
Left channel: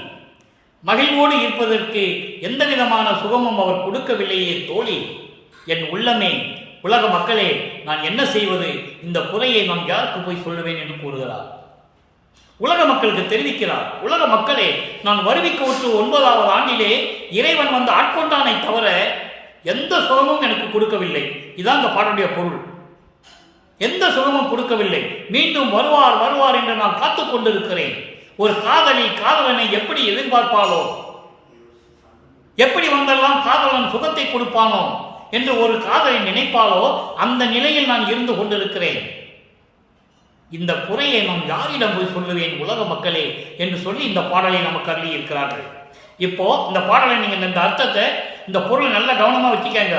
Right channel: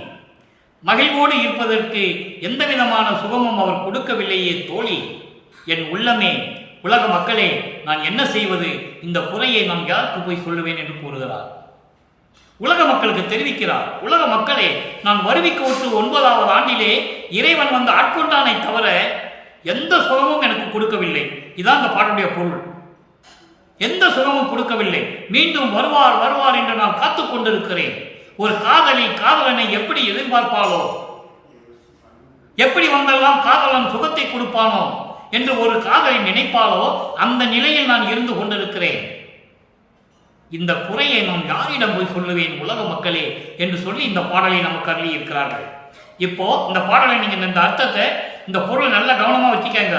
மகிழ்வோடு இருப்பதற்கு எந்த விதமான சுகமும் அவர் கொடுக்கவில்லையே தோழி. என் உள்ளமே, உலக மக்களே, நான் என்ன செய்வது? இந்த குறையை நான் யாருக்கு போய் சொல்லுவேன் என்று கூறுகிறார். உலக மக்களுக்கு தெரிவிக்கிறார். உலக மக்களே, நான் வருவிக்க விட்டு 9வது ஆண்டிலே இறைவன் வந்து ஆட்கொண்டானை தவிர எந்த சுகமும் எனக்கு கொடுக்கவில்லை. இதான் இந்த பாடலுடைய பொருள். எந்த சுகமும் கொடுக்கவில்லை. மீண்டும் வருவார் வருவார் என்று நான் காத்துக் கொண்டிருக்கிறேன். ஒரு காதலி காதலனை எப்படி எதிர்பார்ப்பாளோ, எப்படி வந்தெல்லாம் காதலன் சுகத்தை கொடுப்பானோ என்று ஒரு காதலை நினைப்பாலோ, அந்த நிலையில் நான் இருந்து கொண்டிருக்கிறேன். இந்த குறையை நான் யாரிடம் போய் சொல்லுவேன் உலக மக்களே என்று சொல்லி இந்த பாடலை நமக்கு அருளி இருக்கிறார்கள். இப்போ இந்த பாடலை நீங்க இந்த அர்த்தத்தை, இந்த பொருள் நல்ல கவனமா வச்சுக்கங்க.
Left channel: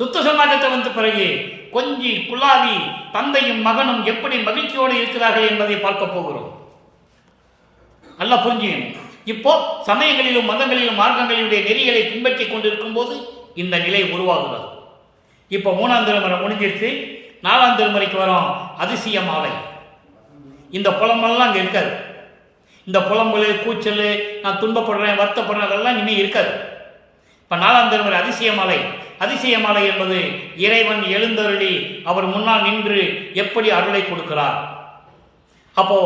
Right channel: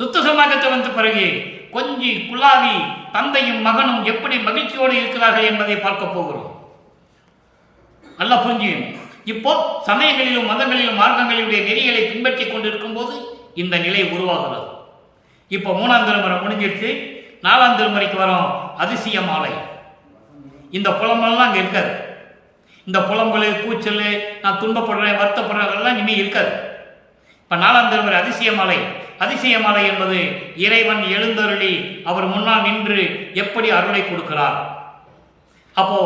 சுத்த சமாஜத்தை வந்த பிறகு கொஞ்சி குலாவி தந்தையும் மகனும் எப்படி மகிழ்ச்சியோடு இருக்கிறார்கள் என்பதை பார்க்க போகிறோம். நல்லா புரிஞ்சுக்கணும். இப்போ சமயங்களிலும் மதங்களிலும் மார்க்கங்களிலுடைய நெறிகளை பின்பற்றி கொண்டிருக்கும் போது இந்த நிலை உருவாகிறது. இப்போ 3ஆம் திருமுறை முடிஞ்சிருச்சு, 4ஆம் திருமுறைக்கு வரோம். அதிசய மாலை. இந்த புலம்பெல்லாம் அங்கே இருக்காது. இந்த புலம்பல் கூச்சல், நான் துன்பப்படுறேன் வருத்தப்படுறேன் அதெல்லாம் இனிமேல் இருக்காது. இப்போ 4ஆம் திருமுறை அதிசய மாலை. அதிசய மாலை என்பது இறைவன் எழுந்தருளி அவர் முன்னால் நின்று எப்படி அருளை கொடுக்கிறார். அப்போ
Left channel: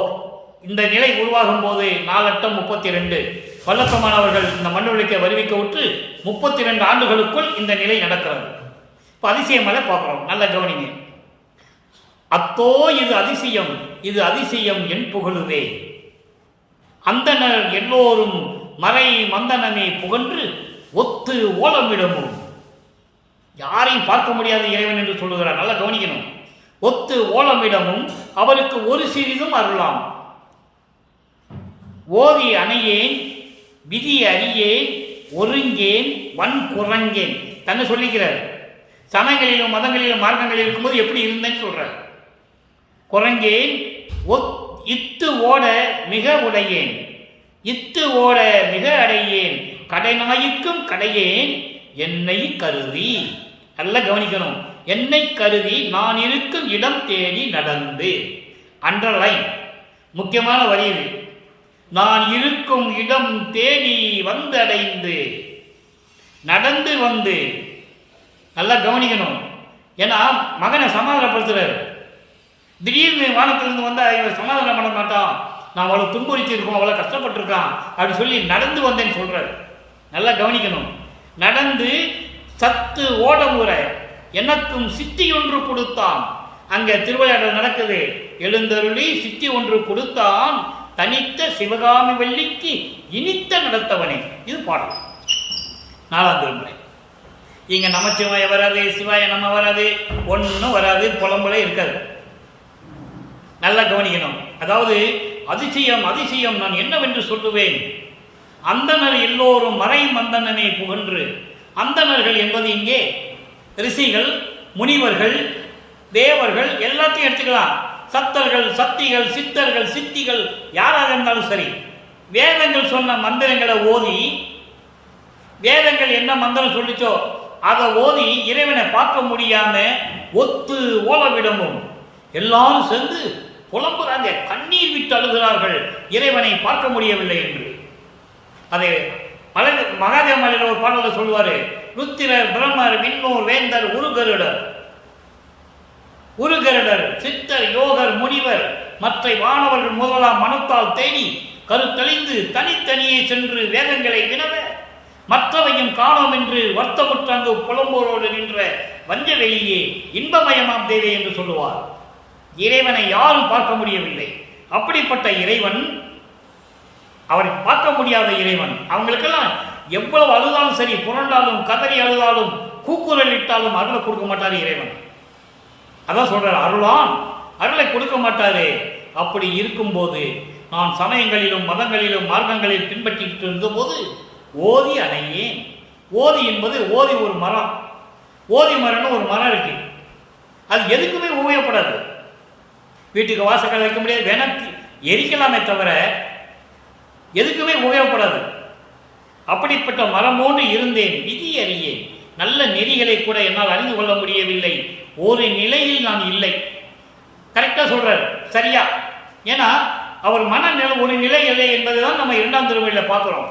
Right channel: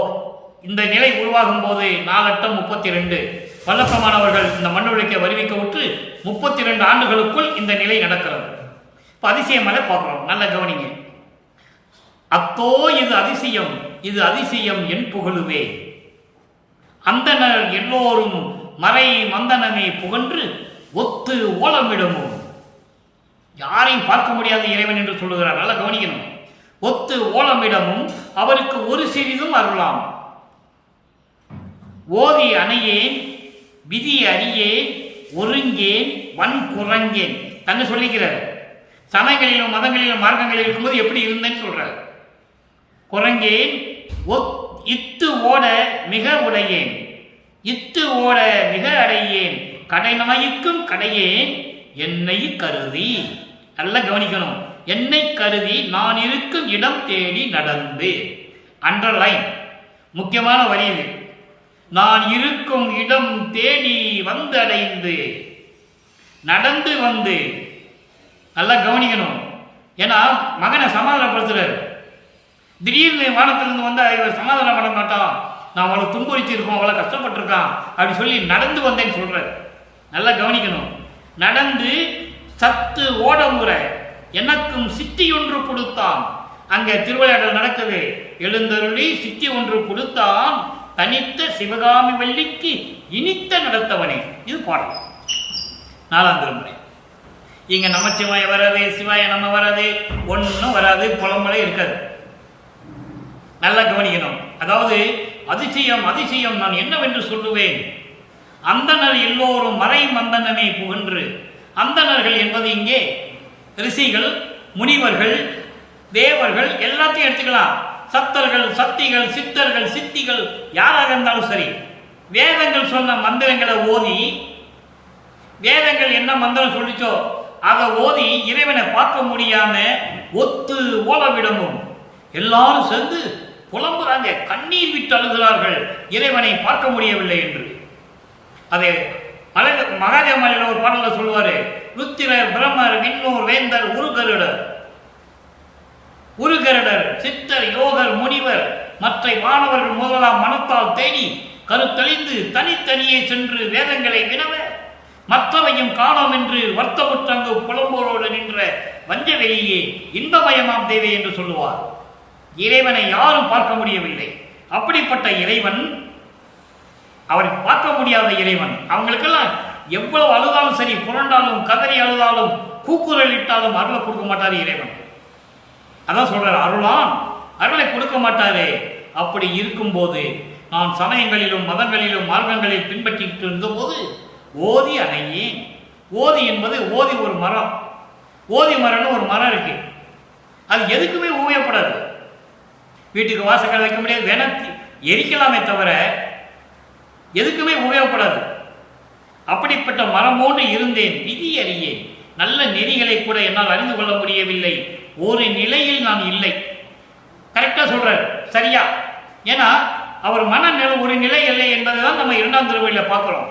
இந்த நிலை உருவாகும் போது 4×32 வல்லப்பமானவர்கள் இந்த மண்ணுழைக்க வருவிக்க விட்டு 32 ஆண்டுகளுக்குள் இந்த நிலை நடக்கிறது. இப்போ அதிசய மலை பார்க்குறோம், நல்ல கவனிங்க. அத்தோ இது அதிசயம், இது அதிசயம் என் புகழுவே. அந்தனர் எல்லோரும் மறை மந்தனமே புகன்று ஒத்து ஓலமிடமும். யாரையும் பார்க்க முடியாத இறைவன் என்று சொல்லுகிறார், நல்லா கவனிக்கணும். ஒத்து ஓலமிடமும் அவருக்கு ஒரு சிறிதும் அருளாம். ஓதி அணையேன் விதி அறியேன் ஒருங்கேன் வன் குரங்கேன் தன்னை சொல்லிக்கிறார். சமயங்களிலும் மதங்களிலும் மார்க்கங்களில் இருக்கும்போது எப்படி இருந்தேன்னு சொல்றார். குரங்கேன் இத்து ஓட மிக உடையேன், இத்து ஓட மிக அடையேன், கடைநாய்க்கும் கடையேன் என்னை கருதி. நல்லா கவனிக்கணும். என்னை கருதி நான் இருக்கும் இடம் தேடி நடந்து. அண்டர்லைன், முக்கியமான வரி இது. நான் இருக்கும் இடம் தேடி வந்து அடைந்து, நடந்து வந்து. நல்லா கவனிக்கணும். ஏன்னா மகனை சமாதானப்படுத்துறாரு. திடீர்னு வானத்திலிருந்து வந்து இவர் சமாதானம் பண்ண மாட்டான், நான் அவளை துன்புறுத்திருக்கோம், அவளை கஷ்டப்பட்டிருக்கான் அப்படி சொல்லி நடந்து வந்தேன்னு சொல்றாரு. நல்லா கவனிக்கணும். நடந்து சத்து ஓட முறை எனக்கும் சித்தி ஒன்று கொடுத்தான். அங்க திருவிளையாடல் நடக்குது. எழுந்தருளி சித்தி ஒன்று கொடுத்தான், தனித்த சிவகாமி வள்ளிக்கு இனித்த நடத்தவனே. இது பாடல் 4ஆம் திருமுறை. இங்க நமச்சிவாய வராது, சிவாய நம்ம வராது, ஒன்றும் வராது, புலம்பலே இருக்காது. நல்லா கவனிக்கணும். அதாவது அதிசயம் அதிசயம் நான் என்னவென்று சொல்லுவேன். அந்தனர் எல்லோரும் மறை மந்தனமே புகன்று. அந்தணர்கள் என்பது இங்கே ரிஷிகள், முனிவர்கள், தேவர்கள் எல்லாத்தையும் எடுத்துக்கலாம். சத்தர்கள், சக்திகள், சித்தர்கள், சித்திகள் யாராக இருந்தாலும் சரி, வேதங்கள் சொன்ன மந்திரங்களை ஓதி, வேதங்கள் என்ன மந்திரம் சொல்லிச்சோ அதை ஓதி இறைவனை பார்க்க முடியாம ஒத்து ஓலவிடமும் எல்லாரும் சேர்ந்து புலம்புறாங்க, கண்ணீர் விட்டு அழுகிறார்கள் இறைவனை பார்க்க முடியவில்லை என்று. அதை மகாதேவமலையில் ஒரு பாடல சொல்லுவாரு. ருத்திரர், பிரம்மர், விண்ணூர், வேந்தர், உருகருடர், சித்தர், யோகர், முனிவர், மற்ற வானவர்கள் முதலாம் மனத்தால் தேடி கருத்தழிந்து தனித்தனியே சென்று வேதங்களை வினவ மற்றவையும் காணோம் என்று வருத்தமுற்றங்கு புலம்போரோடு நின்ற வஞ்ச வெளியே இன்பமயமாம் தேவை என்று சொல்லுவார். இறைவனை யாரும் பார்க்க முடியவில்லை. அப்படிப்பட்ட இறைவன், அவரை பார்க்க முடியாத இறைவன், அவங்களுக்கெல்லாம் எவ்வளவு அழுதாலும் சரி, புரண்டாலும் கதறி அழுதாலும் கூக்குரல் இட்டாலும் அருளை கொடுக்க மாட்டார் இறைவன். அதான் சொல்றார், அருளான் அருளை கொடுக்க மாட்டாரு. அப்படி இருக்கும்போது நான் சமயங்களிலும் மதங்களிலும் மார்க்கங்களில் பின்பற்றிட்டு இருந்தபோது ஓதி அணையேன். ஓதி என்பது ஓதி ஒரு மரம், ஓதி மரம்னு ஒரு மரம் இருக்கு. அது எதுக்குமே உபயோகப்படாது. வீட்டுக்கு வாசக்கால் வைக்க முடியாது, வேணா எரிக்கலாமே தவிர எதுக்குமே உபயோகப்படாது. அப்படிப்பட்ட மரமோடு இருந்தேன், விதி அறியேன். நல்ல நெறிகளை கூட என்னால் அறிந்து கொள்ள முடியவில்லை. ஒரு நிலையில் நான் இல்லை. கரெக்டா சொல்றாரு, சரியா? ஏன்னா அவர் மனநிலை ஒரு நிலை இல்லை என்பதுதான் நம்ம 2ஆம் திருமுறையில் பார்க்கிறோம்.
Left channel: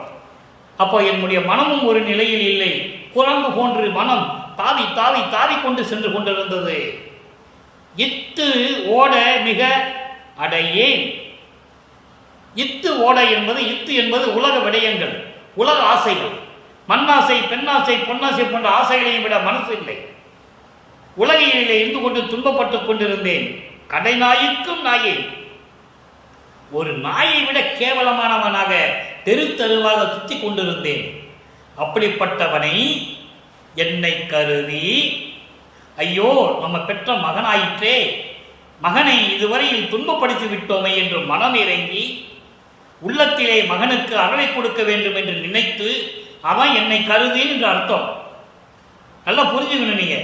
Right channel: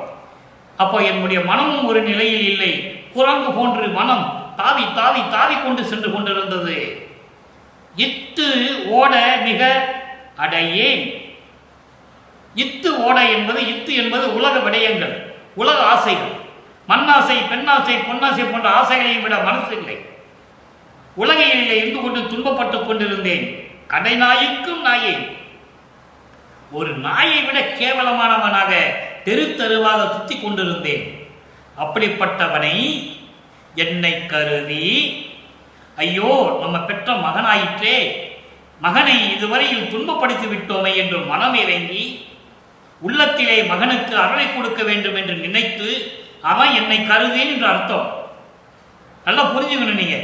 அப்போ என்னுடைய மனமும் ஒரு நிலையில் இல்லை. குரங்கு போன்று மனம் தாவி தாவி தாவி கொண்டு சென்று கொண்டிருந்தது. இத்து ஓட மிக அடையேன். இத்து ஓட என்பது, இத்து என்பது உலக விடயங்கள், உலக ஆசைகள், மண்ணாசை, பெண்ணாசை, பொன்னாசை போன்ற ஆசைகளையும் விட மனசு இல்லை. உலகையிலே இருந்து கொண்டு துன்பப்பட்டுக் கொண்டிருந்தேன். கடை நாய்க்கும் நாயேன். ஒரு நாயை விட கேவலமானவனாக தெரு தெருவாக சுத்தி கொண்டிருந்தேன். அப்படிப்பட்டவனை என்னை கருதி, ஐயோ நம்ம பெற்ற மகனாயிற்றே, மகனை இதுவரையில் துன்பப்படுத்தி விட்டோமே என்று மனம் இறங்கி உள்ளத்திலே மகனுக்கு அருளை கொடுக்க வேண்டும் என்று நினைத்து, அவன் என்னை கருதி என்று அர்த்தம். நல்லா புரிஞ்சுக்கணும். நீங்க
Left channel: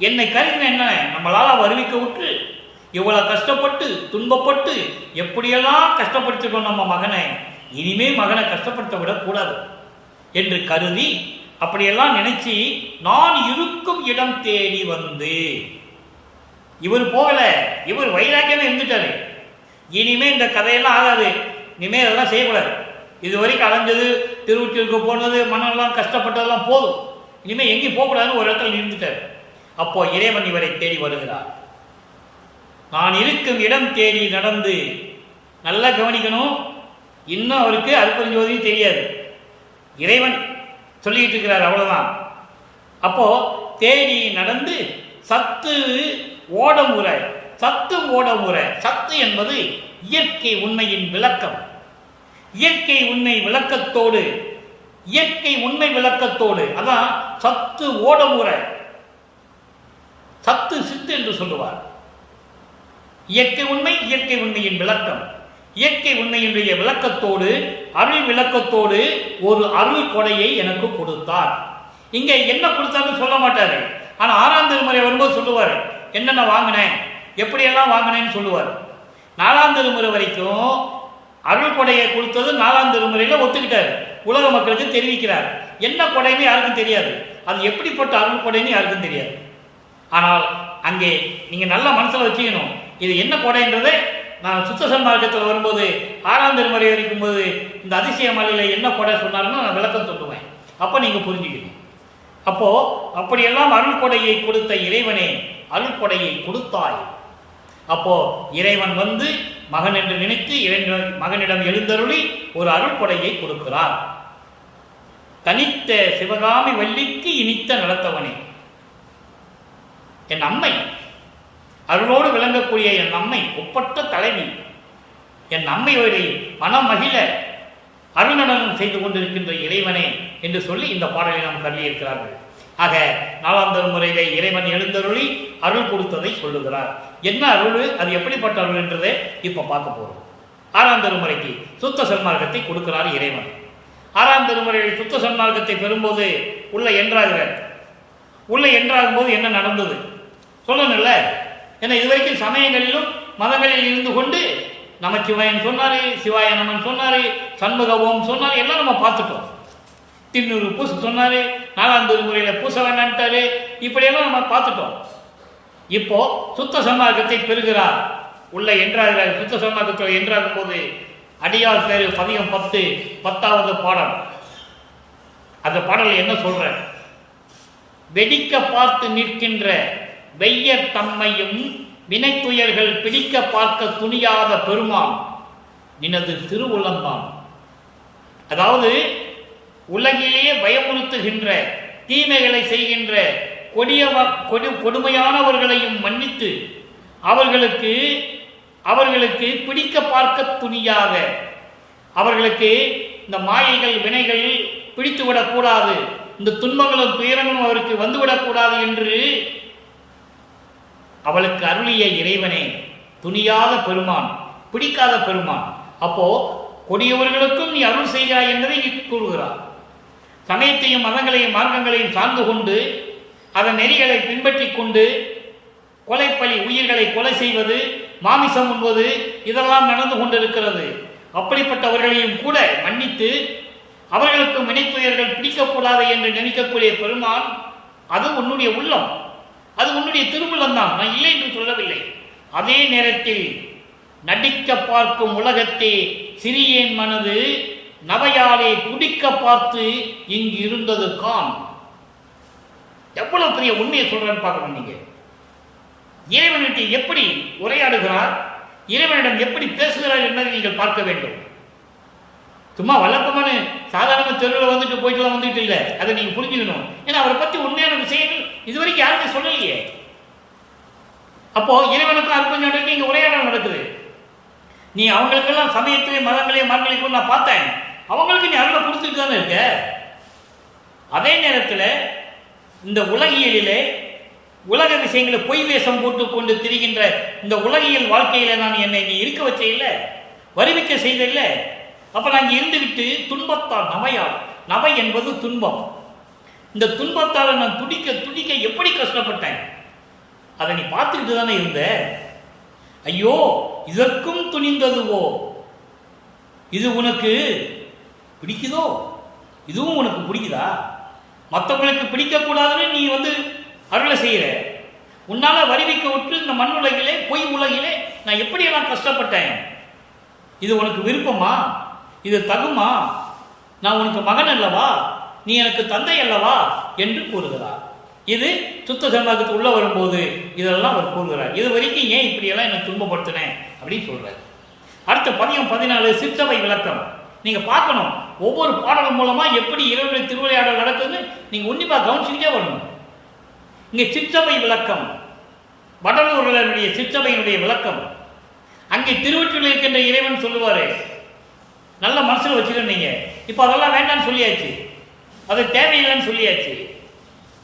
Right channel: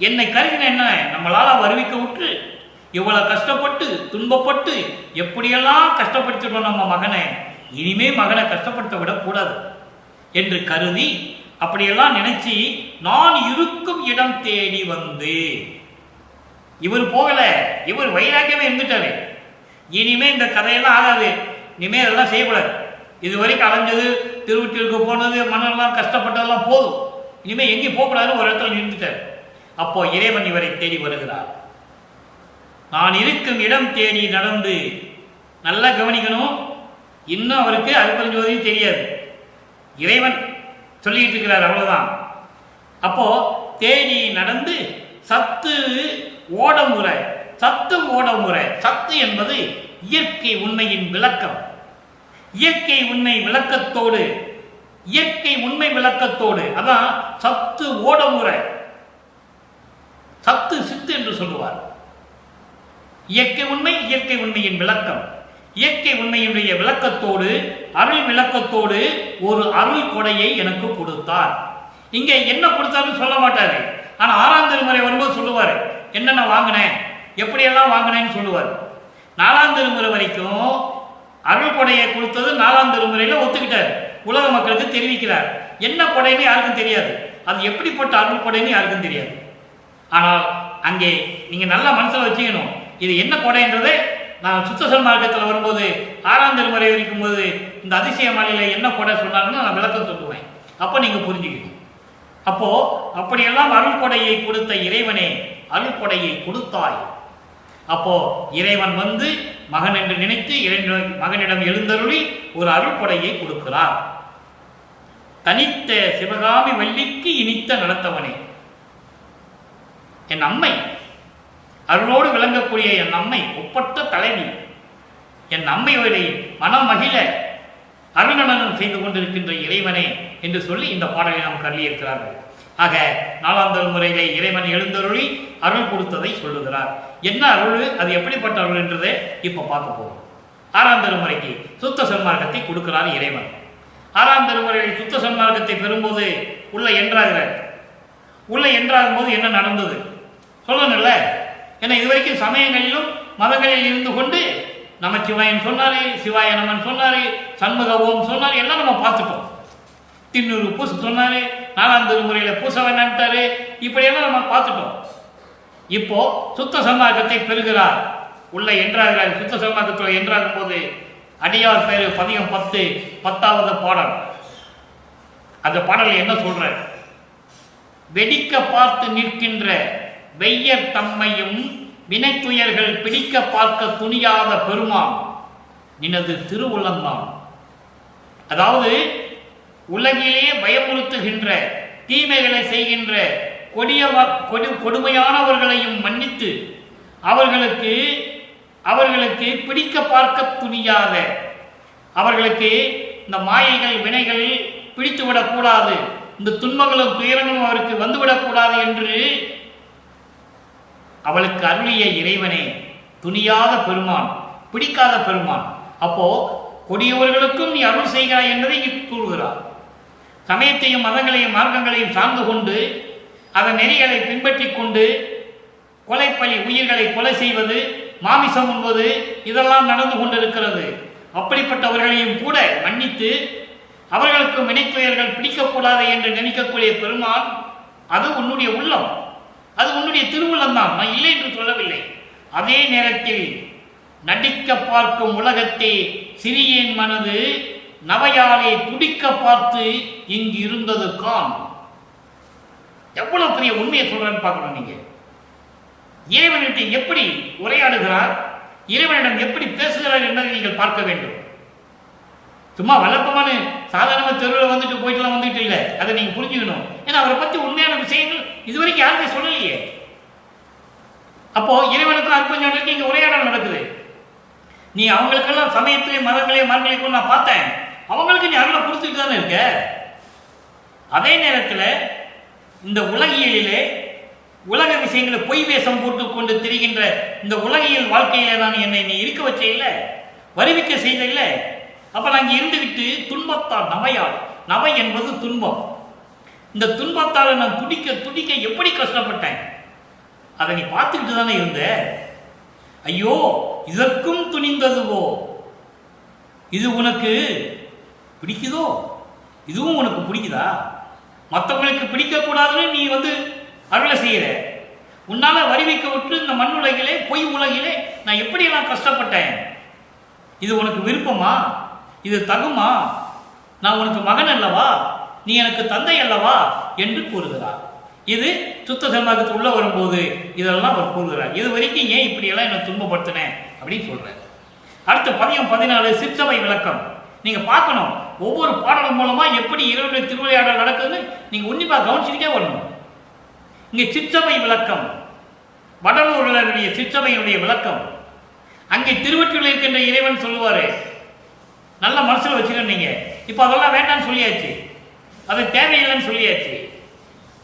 என்னை கருதின என்ன, நம்மளால வருவிக்க விட்டு இவ்வளவு கஷ்டப்பட்டு துன்பப்பட்டு எப்படியெல்லாம் கஷ்டப்படுத்திட்டோம் நம்ம மகனை, இனிமே மகனை கஷ்டப்படுத்த விடக்கூடாது என்று கருதி அப்படியெல்லாம் நினைச்சு நான் இருக்கும் இடம் தேடி வந்து, இவர் போகல, இவர் வைராக்கியமே இருந்துட்டாரு. இனிமே இந்த கதையெல்லாம் ஆகாது, இனிமே அதெல்லாம் செய்யக்கூடாது. இது வரைக்கும் அலைஞ்சது, திருவொற்றியூருக்கு போனது, மன்னெல்லாம் கஷ்டப்பட்டதெல்லாம் போதும், இனிமே எங்கேயும் போகக்கூடாதுன்னு ஒரு இடத்துல நின்றுட்டார். அப்போ இறைவன் இவரை தேடி வருகிறார். நான் இருக்கும் இடம் தேடி நடந்து, நல்லா கவனிக்கணும், இன்னும் அவருக்கு அருட்பெருஞ்சோதியும் தெரியாது, இறைவன் சொல்லிட்டு இருக்கிறார், அவ்வளவுதான். அப்போ தேடி நடந்து சத்து ஓடமுறை, சத்து ஓடமுறை. சத்து என்பது இயற்கை உண்மையின் விளக்கம். இயற்கை உண்மை விளக்கத்தோடு, இயற்கை உண்மை விளக்கத்தோடு, அதான் சத்து ஓடமுறை. சத்து சித்து என்று சொல்லுவார். இயற்கை உண்மை, இயற்கை உண்மையின் விளக்கம். இயற்கை உண்மையினுடைய விளக்கத்தோடு, அருள் விளக்கத்தோடு ஒரு அருள் கொடையை எனக்கு கொடுத்தார். இங்க என்ன கொடுத்தாருன்னு சொல்ல மாட்டாரு, ஆனா 6ஆம் திருமுறை வரும்போது சொல்லுவாரு என்னென்ன வாங்கினேன், எப்படியெல்லாம் வாங்கினேன்னு சொல்லுவார். 4ஆம் திருமுறை வரைக்கும் அருள் கொடையை கொடுத்தது 4ஆம் திருமுறையில ஒத்துக்கிட்டார், உலக மக்களுக்கு தெரிவிக்கிறார். என்ன கொடைன்னு யாருக்கும் தெரியாது, அது எப்படிப்பட்ட அருள் கொடைன்னு யாருக்கும் தெரியாது. ஆனால் அங்கே நீங்க நல்லா மனசுல வச்சுக்கணும், இது என்ன கொடைன்றதை நான் சுத்த சன்மார்க்கத்தில் வரும்போது 6ஆம் திருமுறை வரைக்கும் போது இந்த அதிசய மலையில என்ன கொடை சொன்னாருன்னு நான் விளக்கம் சொல்லுவேன். அப்போ நீங்க புரிஞ்சுக்கணும். அப்போ அப்படியெல்லாம் அருள் கொடையை கொடுத்த இறைவனே, அருள் கொடையை கொடுத்தாய். அப்போ இறைவன் வந்து மகன் என்று நினைத்து மகனிடம் எழுந்தருளி ஒரு அருள் கொடையை கொடுக்கிறார். தனித்த சிவகாமி வள்ளிக்கு இனித்த நடத்தவனே, என் அம்மை, அருளோடு விளங்கக்கூடிய என் அம்மை, ஒப்பற்ற தலைவி, என் அம்மையோரை மனமகிழ அருள்நடனம் செய்து கொண்டிருக்கின்ற இறைவனே என்று சொல்லி இந்த பாடலை நாம் கருதியிருக்கிறார்கள். ஆக 4ஆம் திருமுறையிலே இறைவன் எழுந்தருளி அருள் கொடுத்ததை சொல்லுகிறார். என்ன அருள், அது எப்படிப்பட்ட அருள் என்றதை இப்ப பார்க்க போறோம். 6ஆம் திருமுறைக்கு சுத்த சன்மார்க்கத்தை கொடுக்கிறார் இறைவன். 6ஆம் திருமுறையில் சுத்த சன்மார்க்கத்தை பெறும்போது உள்ள என்றாகிறார். உள்ள என்றாகும் போது என்ன நடந்தது சொல்லணும்ல. ஏன்னா இதுவரைக்கும் சமயங்களிலும் மதங்களில் இருந்து கொண்டு நமச்சிவாயன் சொன்னாரு, சிவாய நமன் சொன்னாரு, சண்முக ஓம் சொன்னாரு, எல்லாம் நம்ம பார்த்துட்டோம். திண்ணூறு பூச சொன்னாரு, 4ஆம் திருமுறையில பூச வேண்டான்ட்டாரு, இப்படியெல்லாம் நம்ம பார்த்துட்டோம். இப்போ சுத்த சன்மார்க்கத்தை பெறுகிறார், உள்ள என்றாகிறார். சுத்த சன்மார்க்கத்தில் என்றாகும் போது அடியார் பேரு பதிகம் 10, 10வது பாடல். அந்த பாடல் என்ன சொல்ற, வெடிக்க பார்த்து நிற்கின்ற வெய்யர் தம்மையும் வினைத்துயர்கள் பிடிக்க பார்க்க துணியாத பெருமான் நினது திருவுள்ளந்தான். அதாவது உலகிலேயே பயமுறுத்துகின்ற தீமைகளை செய்கின்ற கொடுமையானவர்களையும் மன்னித்து அவர்களுக்கு பிடிக்க பார்க்க துணியாத, அவர்களுக்கு இந்த மாயைகள் வினைகள் பிடித்துவிடக்கூடாது, இந்த துன்பங்களும் துயரங்களும் அவருக்கு வந்துவிடக்கூடாது என்று அவளுக்கு அருளிய இறைவனே, துணியாத பெருமான், பிடிக்காத பெருமான். அப்போ கொடியவர்களுக்கும் நீ அருள் செய்கிறாய் என்பதை இங்கு கூறுகிறார். சமயத்தையும் மதங்களையும் மார்க்கங்களையும் சார்ந்து கொண்டு அதன் நெறிகளை பின்பற்றி கொண்டு கொலைப்பலி, உயிர்களை கொலை செய்வது, மாமிசம் உண்பது, இதெல்லாம் நடந்து கொண்டிருக்கிறது. அப்படிப்பட்டவர்களையும் கூட மன்னித்து அவர்களுக்கு வினைத்துயர்கள் பிடிக்கக்கூடாது என்று நினைக்கக்கூடிய பெருமான், அது உன்னுடைய உள்ளம், அது உன்னுடைய திருவுள்ளம் தான், நான் இல்லை என்று சொல்லவில்லை. அதே நேரத்தில் நடிக்க பார்க்கும் உலகத்தே சிறியேன் மனது நவையாலே துடிக்க பார்த்து இங்கு இருந்தது கான். எவ்வளவு பெரிய உண்மையை சொல்றான்னு பார்க்கணும். நீங்க இறைவனிட்டு எப்படி உரையாடுகிறார், இறைவனிடம் எப்படி பேசுகிறார் என்பதை நீங்கள் பார்க்க வேண்டும். சும்மா வழக்கமான சாதாரண தெருவில் வந்துட்டு போயிட்டுலாம் வந்துட்டு இல்லை, அதை நீங்க புரிஞ்சுக்கணும். ஏன்னா அவரை பற்றி உண்மையான விஷயங்கள் இதுவரைக்கும் யாருமே சொல்லலையே. அப்போ இறைவனுக்கும் அற்புதம் இங்க உரையாடல் நடக்குது. நீ அவங்களுக்கெல்லாம் சமயத்திலே மதங்களே மார்கழிக்கும் நான் பார்த்தேன், அவங்களுக்கு நீ அருளை கொடுத்துட்டு தானே இருக்க. அதே நேரத்தில் இந்த உலகியலிலே உலக விஷயங்களை பொய் வேஷம் போட்டு கொண்டு திரிகின்ற இந்த உலகியல் வாழ்க்கையில நான் என்னை நீ இருக்க வச்ச இல்லை, வருவிக்க செய்த இல்லை. அப்ப நான் இங்கே இருந்துவிட்டு துன்பத்தால் நவையால், நவை என்பது துன்பம், இந்த துன்பத்தால் நான் துடிக்க துடிக்க எப்படி கஷ்டப்பட்டேன் அதை நீ பார்த்துக்கிட்டு தானே இருந்த. ஐயோ இதற்கும் துணிந்ததுவோ, இது உனக்கு பிடிக்குதோ, இதுவும் உனக்கு பிடிக்குதா? மற்றவங்களுக்கு பிடிக்கக்கூடாதுன்னு நீ அருளை செய்கிற. உன்னால வருவிக்க விட்டு இந்த மண் உலகிலே பொய் உலகிலே நான் எப்படியெல்லாம் கஷ்டப்பட்டேன். இது உனக்கு விருப்பமா? இது தகுமா? நான் உனக்கு மகன் அல்லவா, நீ எனக்கு தந்தை அல்லவா என்று கூறுகிறார். இது சுத்த சன்மார்க்கத்துக்கு உள்ள வரும்போது இதெல்லாம் அவர் கூறுகிறார். இது வரைக்கும் ஏன் இப்படியெல்லாம் என்னை துன்பப்படுத்தினேன் அப்படின்னு சொல்றார். அடுத்து பதியம் 14 சிற்றவை விளக்கம். நீங்க பார்க்கணும், ஒவ்வொரு பாடலும் மூலமா எப்படி இறைவனுடைய திருவிளையாடல் நடக்குதுன்னு நீங்க உன்னிப்பா கவனிச்சுக்கிட்டே வரணும். இங்க சிற்றவை விளக்கம், வடலூருடைய சிற்றவையினுடைய விளக்கம். அங்கே திருவற்றில் இருக்கின்ற இறைவன் சொல்லுவாரு, நல்ல மனசுல வச்சுக்கணும். நீங்க இப்ப அதெல்லாம் வேண்டாம்னு சொல்லியாச்சு, அது தேவையில்லைன்னு சொல்லியாச்சு,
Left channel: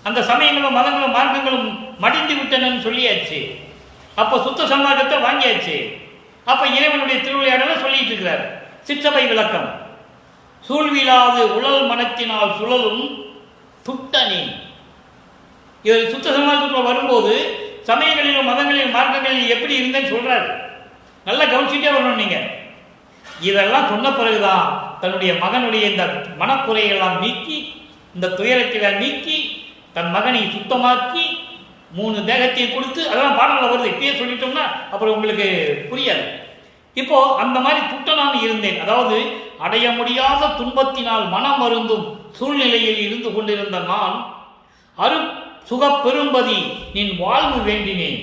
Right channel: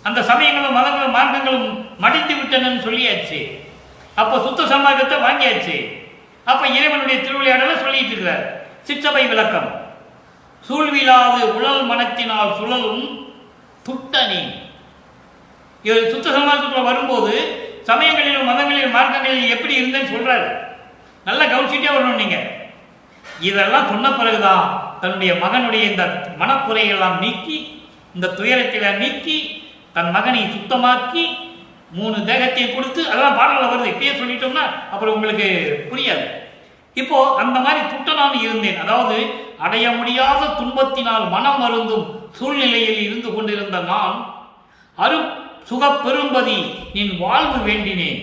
அந்த சமயங்களும் மதங்களும் மார்க்கங்களும் மடிந்து விட்டனன்னு சொல்லியாச்சு. அப்போ சுத்த சன்மார்க்கத்தை வாங்கியாச்சு. அப்ப இறைவனுடைய திருவிளையாடலை சொல்லிட்டு இருக்கிறார். சிற்றவை விளக்கம், சூழ்விழாது உழல் மனத்தினால் சுழலும் துட்டனே. இவர் சுத்த சன்மார்க்கத்தில் வரும்போது சமயங்களிலும் மதங்களிலும் மார்க்கங்களிலும் எப்படி இருந்தேன்னு சொல்றாரு. நல்லா கவனிச்சுட்டே வரணும் நீங்க. இதெல்லாம் சொன்ன பிறகுதான் தன்னுடைய மகனுடைய இந்த மனக்குறையெல்லாம் நீக்கி, இந்த துயரத்தில் நீக்கி, தன் மகனை சுத்தமாக்கி 3 தேகத்தை கொடுத்து, அதெல்லாம் பாடல்கள் வருது. இப்பயே சொல்லிட்டோம்னா அப்புறம் உங்களுக்கு புரியாது. இப்போ அந்த மாதிரி துட்டனான் இருந்தேன், அதாவது அடைய முடியாத துன்பத்தினால் மனம் வருந்தும் சூழ்நிலையில் இருந்து கொண்டிருந்த நான் அரு சுக பெரும்பதி நின் வாழ்வு வேண்டினேன்,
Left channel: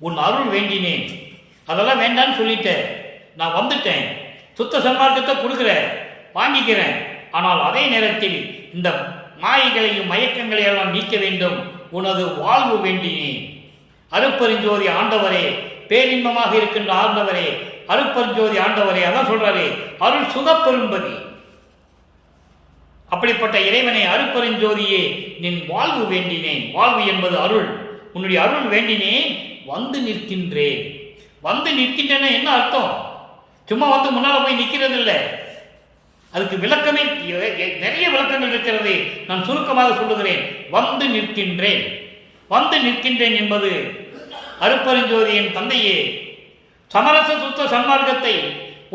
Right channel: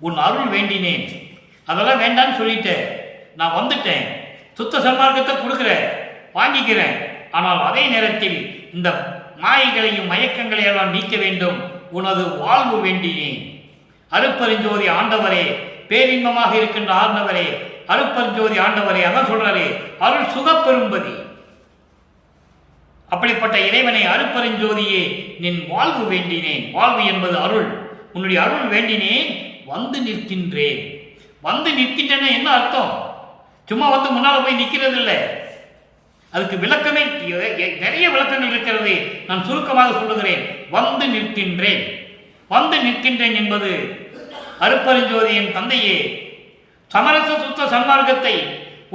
உன் அருள் வேண்டினேன். அதெல்லாம் வேண்டான்னு சொல்லிட்டேன், நான் வந்துட்டேன், சுத்த சன்மார்க்கத்தை கொடுக்குறேன், வாங்கிக்கிறேன். ஆனால் அதே நேரத்தில் இந்த மாயைகளையும் மயக்கங்களையெல்லாம் நீக்க வேண்டும், உனது வாழ்வு வேண்டினேன். அருப்பெருஞ்சோதி ஆண்டவரே, பேரின்பமாக இருக்கின்ற ஆண்டவரே, அருப்பெருஞ்சோதி ஆண்டவரே, அதான் சொல்றாரு அருள் சுகப்பெரும்பதி. அப்படிப்பட்ட இறைவனை அருப்பெருஞ்சோதியே நின் வாழ்வு வேண்டினேன். வாழ்வு என்பது அருள், உன்னுடைய அருள் வேண்டினேன், வந்து நிற்கின்றேன். வந்து நிற்கின்றேன்னா என்ன அர்த்தம்? சும்மா முன்னால போய் நிற்கிறது இல்லை, அதுக்கு விளக்கமே நிறைய விளக்கங்கள் இருக்கிறது. நான் சுருக்கமாக சொல்லுகிறேன். வந்து நிற்கின்றேன், வந்து நிற்கின்றேன் என்பது அருப்பெருஞ்சோதியின் தந்தையே சமரச சுத்த சன்மார்க்கத்தை